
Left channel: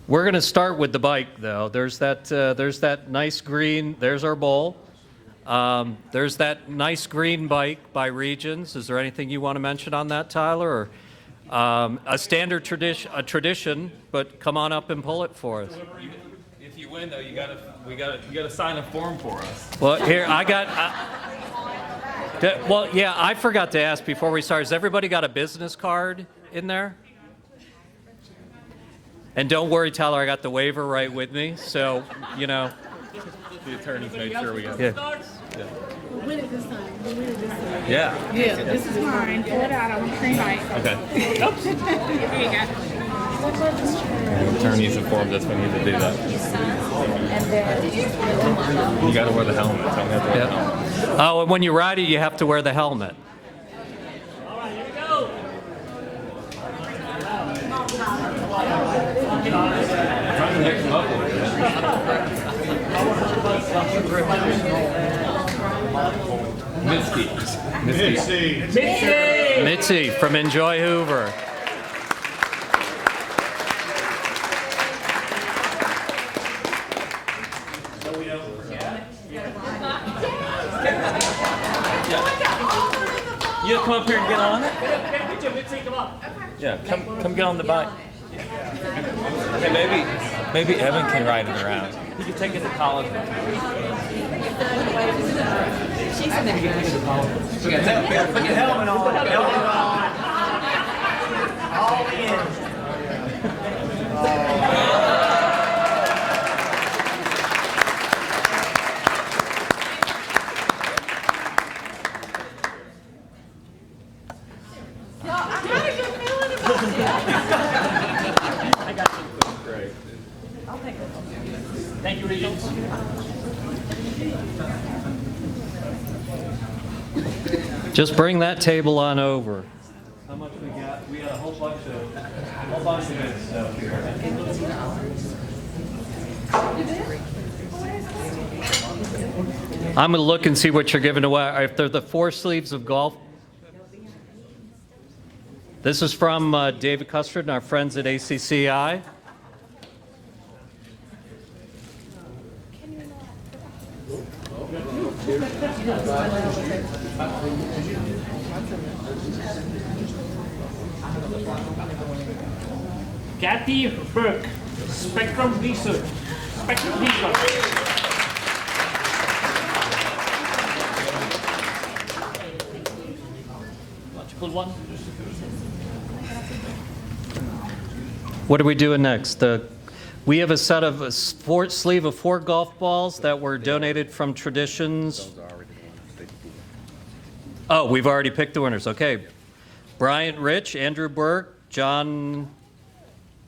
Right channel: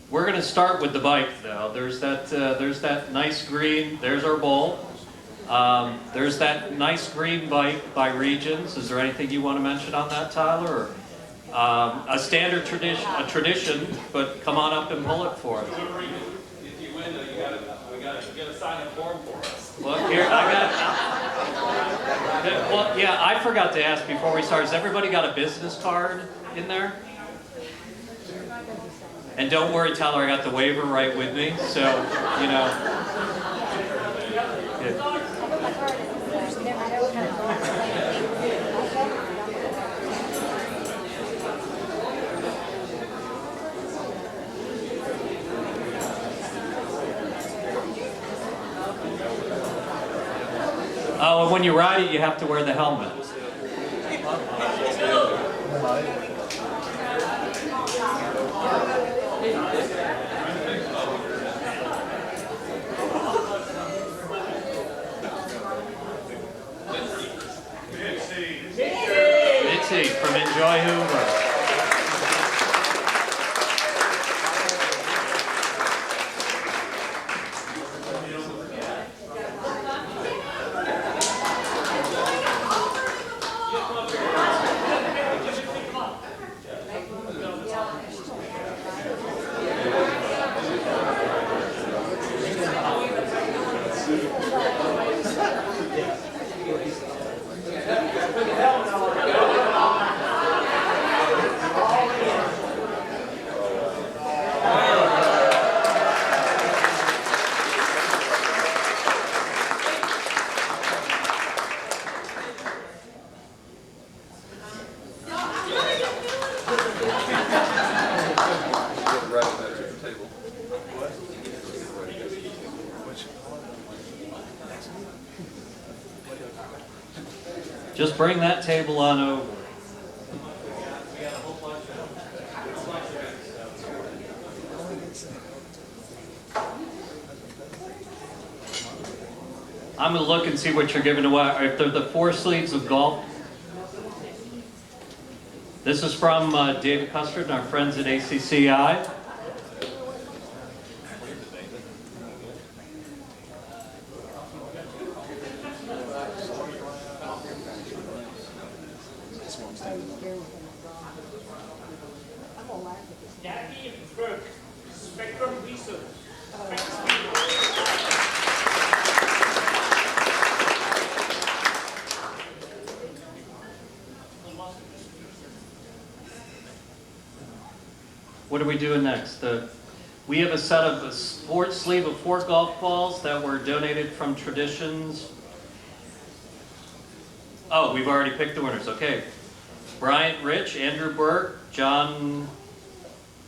We're going to start with the bike, though. There's that nice green. There's our bowl. There's that nice green bike by Regions. Is there anything you want to mention on that, Tyler? Or a standard tradition, but come on up and pull it for us. If you win, though, you gotta sign a form for us. Well, here I got. Well, yeah, I forgot to ask before we start. Has everybody got a business card in there? And don't worry, Tyler, I got the waiver right with me, so, you know. Yeah. Yeah, this is mine. Pull it out. I want green light. Okay. Here you go. Attorneys informed us we need to do that. You gotta wear the helmet. So I'm gonna wear the helmet. Oh, and when you ride it, you have to wear the helmet. Mitzi from Enjoy Hoover. You come up here and get on it? Yeah, come get on the bike. Okay, maybe Evan can ride it around. We can take it to Holland. Thank you, Regents. Just bring that table on over. We got a whole bunch of good stuff here. I'm gonna look and see what you're giving away. If they're the 4 sleeves of golf. This is from David Custard and our friends at ACCI. Kathy Burke, Spectrum Research. Spectrum Research. Pull one. What are we doing next? We have a set of a sleeve of 4 golf balls that were donated from Traditions. Oh, we've already picked the winners. Okay. Bryant Rich, Andrew Burke, John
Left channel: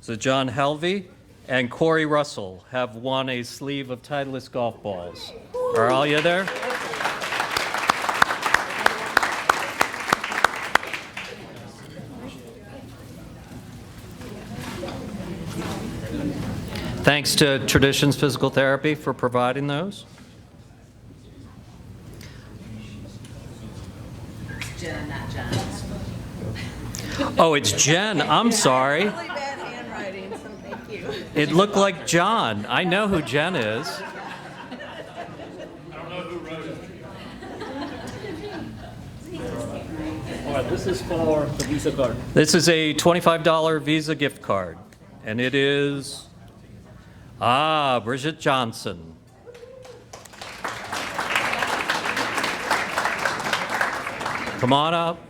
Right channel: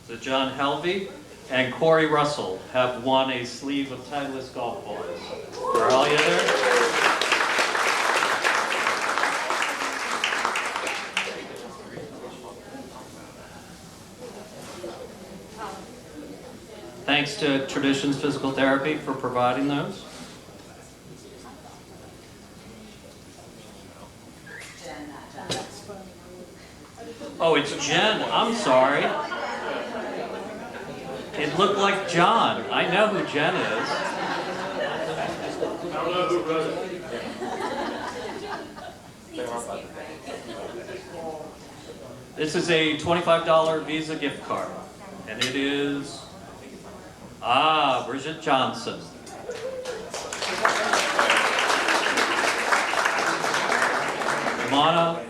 Helvey, and Corey Russell have won a sleeve of Titleist golf balls. Are all you there? Thanks to Traditions Physical Therapy for providing those. Jen, not John. Oh, it's Jen. I'm sorry. It looked like John. I know who Jen is. All right, this is for the Visa card. This is a $25 Visa gift card. And it is... Bridget Johnson. Come on up.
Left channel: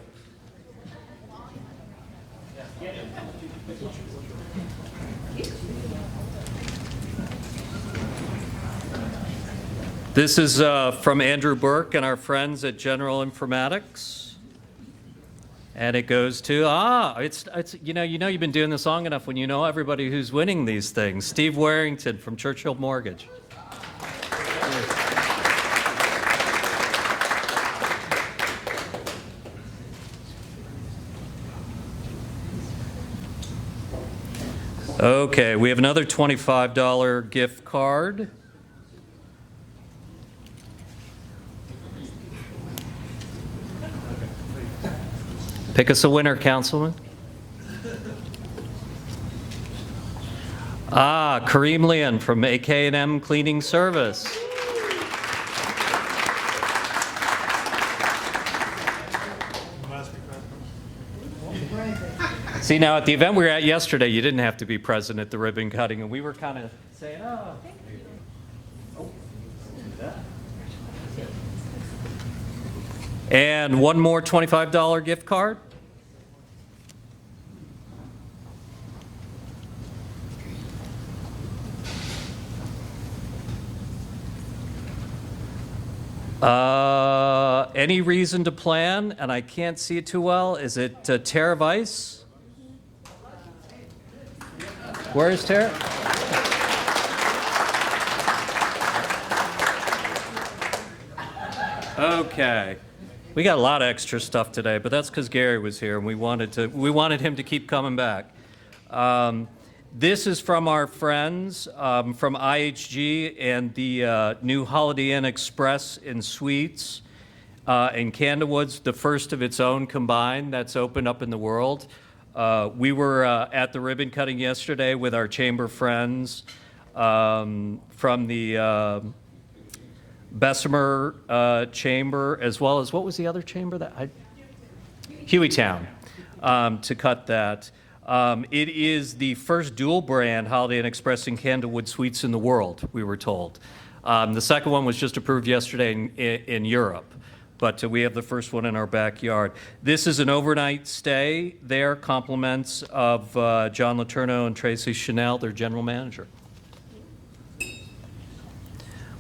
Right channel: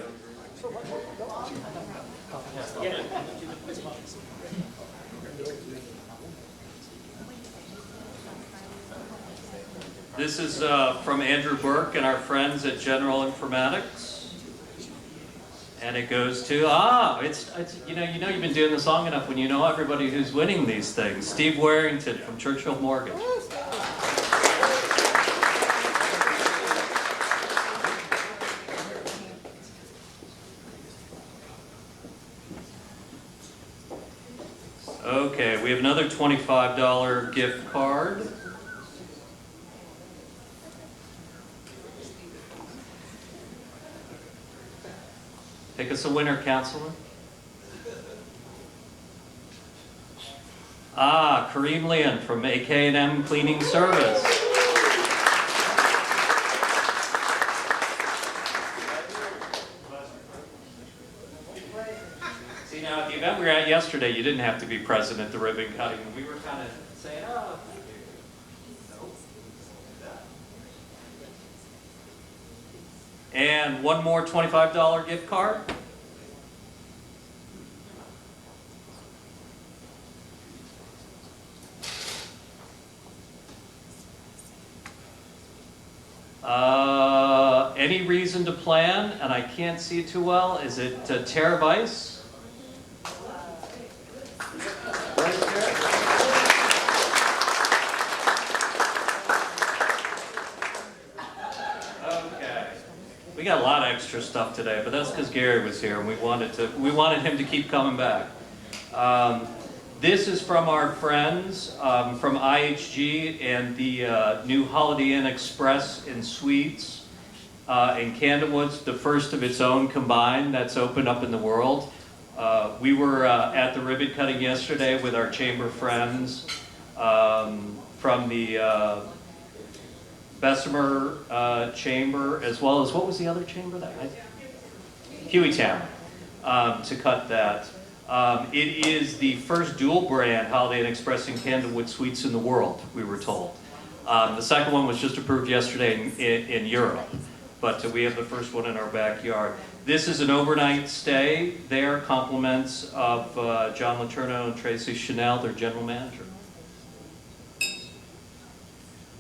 This is from Andrew Burke and our friends at General Informatics. And it goes to, it's you know you've been doing this long enough when you know everybody who's winning these things. Steve Warrington from Churchill Mortgage. Okay, we have another $25 gift card. Pick us a winner, Councilman. Kareem Leon from AK&M Cleaning Service. See, now at the event we were at yesterday, you didn't have to be present at the ribbon cutting, and we were kind of saying, And one more $25 gift card. Any reason to plan, and I can't see it too well. Is it Tara Weiss? Where is Tara? Okay. We got a lot of extra stuff today, but that's because Gary was here and we wanted him to keep coming back. This is from our friends from IHG and the new Holiday Inn Express and Suites in Camden Woods, the first of its own combined that's opened up in the world. We were at the ribbon cutting yesterday with our chamber friends from the Bessemer Chamber, as well as, what was the other chamber? Hueytown. to cut that. It is the first dual brand Holiday Inn Express and Candlewood Suites in the world, we were told. The second one was just approved yesterday in Europe, but we have the first one in our backyard. This is an overnight stay there, compliments of John Letourneau and Tracy Chanel, their general manager.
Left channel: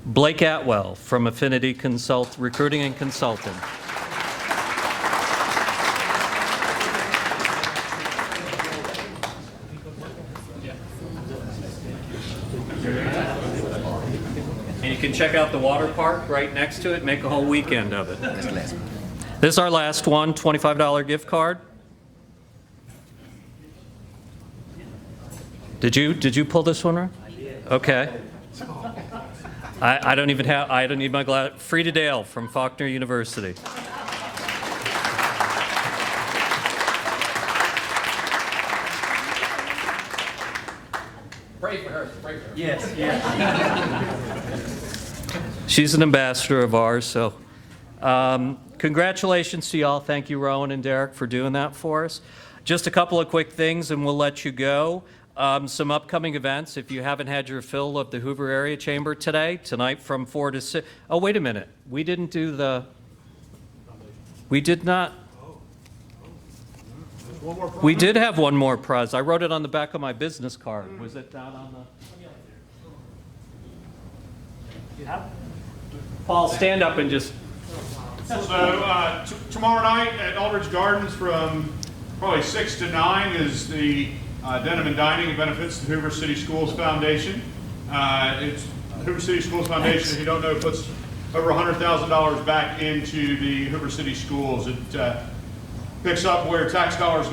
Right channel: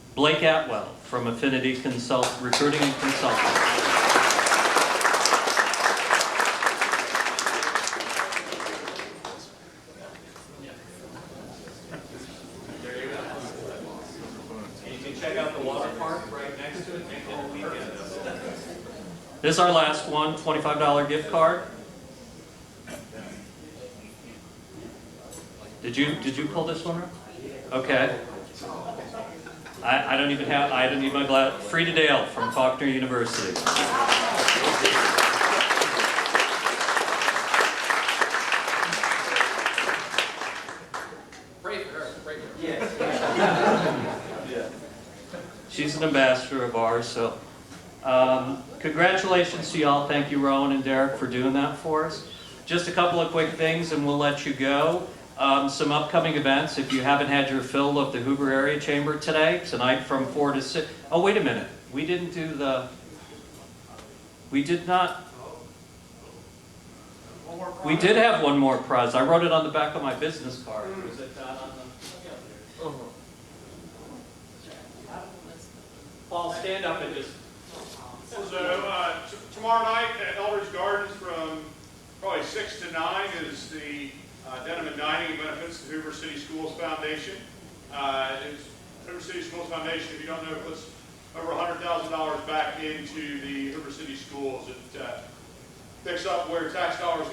Blake Atwell from Affinity Recruiting and Consulting. And you can check out the water park right next to it, make a whole weekend of it. This is our last one, $25 gift card. Did you pull this one, Ron? Okay. I don't even need my glass. Frida Dale from Faulkner University. Pray for her. Pray for her. Yes, yes. She's an ambassador of ours, so congratulations to y'all. Thank you, Rowan and Derek, for doing that for us. Just a couple of quick things, and we'll let you go. Some upcoming events. If you haven't had your fill of the Hoover Area Chamber tonight from 4 to 6. Oh, wait a minute. We did not. We did have one more prize. I wrote it on the back of my business card. Was it not on the? Paul, stand up and just. So tomorrow night at Aldridge Gardens from probably 6 to 9 is the Denim and Dining. It benefits the Hoover City Schools Foundation. It's the Hoover City Schools Foundation, if you don't know, puts over $100,000 back into the Hoover City Schools. It picks up where tax dollars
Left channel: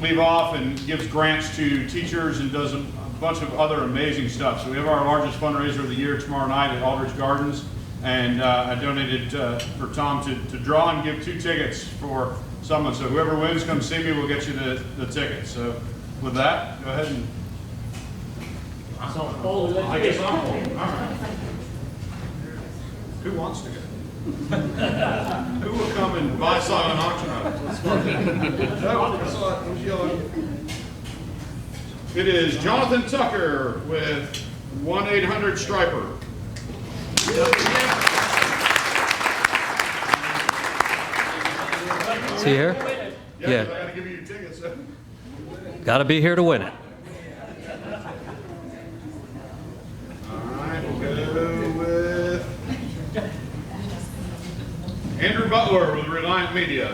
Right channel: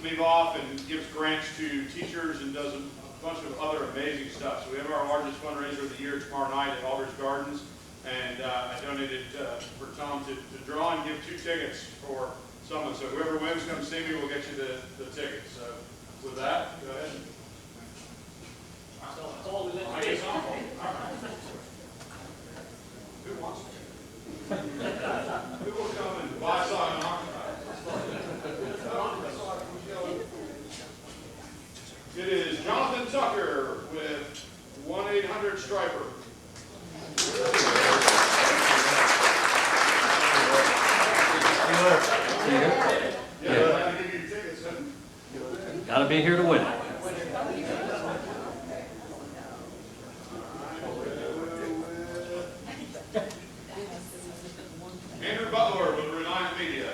leave off and gives grants to teachers and does a bunch of other amazing stuff. So we have our largest fundraiser of the year tomorrow night at Aldridge Gardens. And I donated for Tom to draw and give 2 tickets for someone. So whoever wins, come see me. We'll get you the tickets. So with that, go ahead and. I guess I'm full. All right. Who wants to go? Who will come and buy some on auction house? It is Jonathan Tucker with 1-800-STRIPER. Is he here? Yeah. Got to be here to win it. We'll go with Andrew Butler with Reliant Media.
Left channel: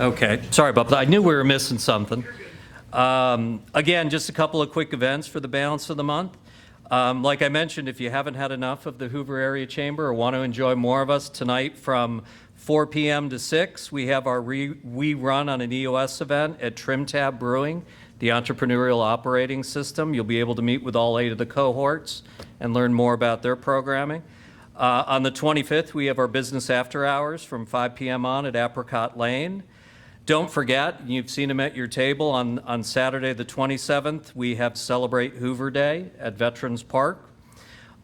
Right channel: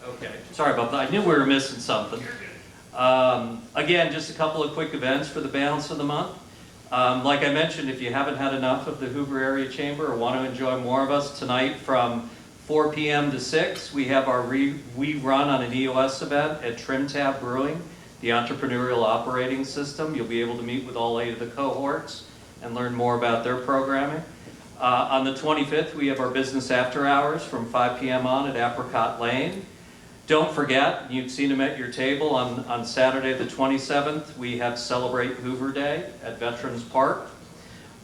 Okay, sorry about that. I knew we were missing something. Again, just a couple of quick events for the balance of the month. Like I mentioned, if you haven't had enough of the Hoover Area Chamber or want to enjoy more of us, tonight from 4 p.m. to 6, we have our We Run on an EOS event at Trim Tab Brewing, the entrepreneurial operating system. You'll be able to meet with all 8 of the cohorts and learn more about their programming. On the 25th, we have our business after hours from 5 p.m. on at Apricot Lane. Don't forget, you've seen them at your table, on Saturday the 27th, we have Celebrate Hoover Day at Veterans Park.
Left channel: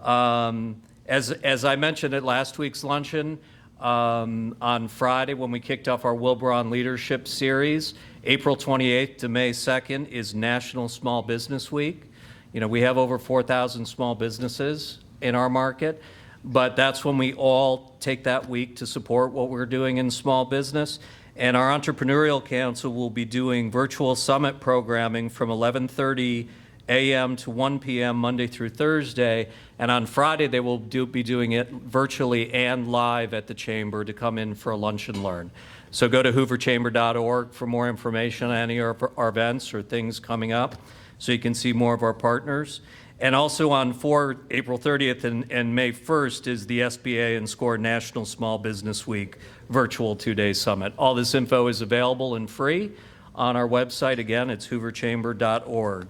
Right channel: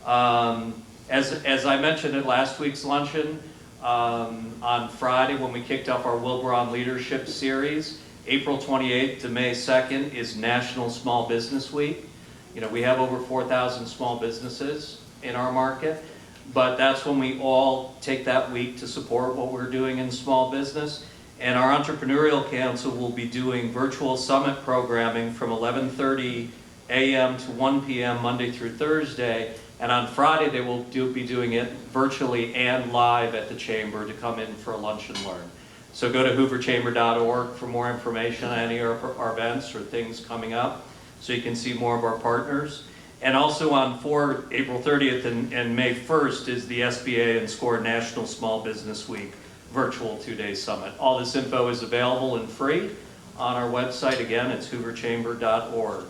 As I mentioned at last week's luncheon, on Friday when we kicked off our Wilbron Leadership Series, April 28th to May 2nd is National Small Business Week. You know, we have over 4,000 small businesses in our market, but that's when we all take that week to support what we're doing in small business. And our Entrepreneurial Council will be doing virtual summit programming from 11:30 a.m. to 1 p.m. Monday through Thursday. And on Friday, they will be doing it virtually and live at the Chamber to come in for a lunch and learn. So go to hooverchamber.org for more information on any of our events or things coming up so you can see more of our partners. And also on April 30th and May 1st is the SBA and SCORE National Small Business Week virtual 2-day summit. All this info is available and free on our website. Again, it's hooverchamber.org.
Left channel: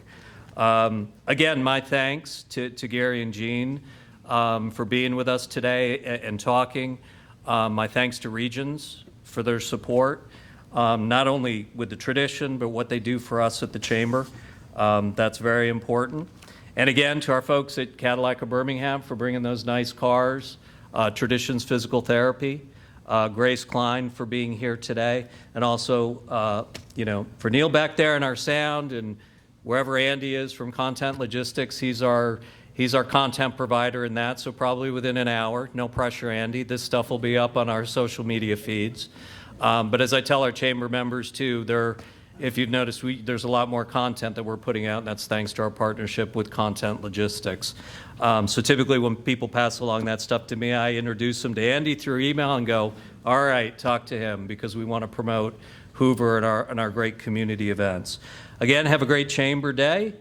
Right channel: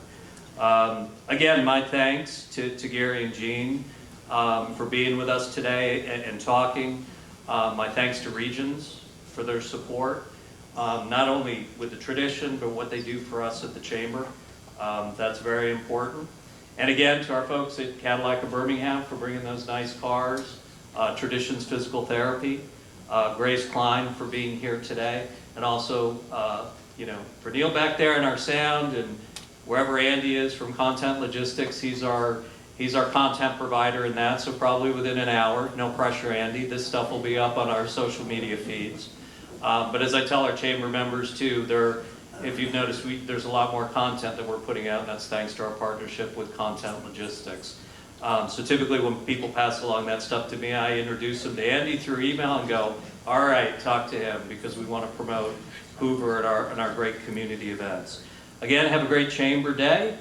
Again, my thanks to Gary and Jean for being with us today and talking. My thanks to Regions for their support, not only with the tradition, but what they do for us at the Chamber. That's very important. And again, to our folks at Cadillac of Birmingham for bringing those nice cars, Traditions Physical Therapy, Grace Klein for being here today, and also, for Neil back there in our sound, and wherever Andy is from Content Logistics, he's our content provider in that, so probably within an hour, no pressure, Andy, this stuff will be up on our social media feeds. But as I tell our chamber members too, if you've noticed, there's a lot more content that we're putting out, and that's thanks to our partnership with Content Logistics. So typically when people pass along that stuff to me, I introduce them to Andy through email and go, all right, talk to him, because we want to promote Hoover and our great community events. Again, have a great chamber day,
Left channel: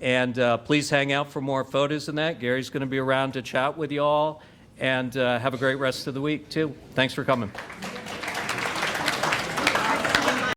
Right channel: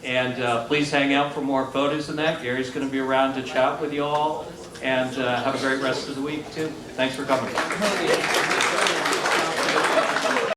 and please hang out for more photos than that. Gary's going to be around to chat with you all, and have a great rest of the week too. Thanks for coming.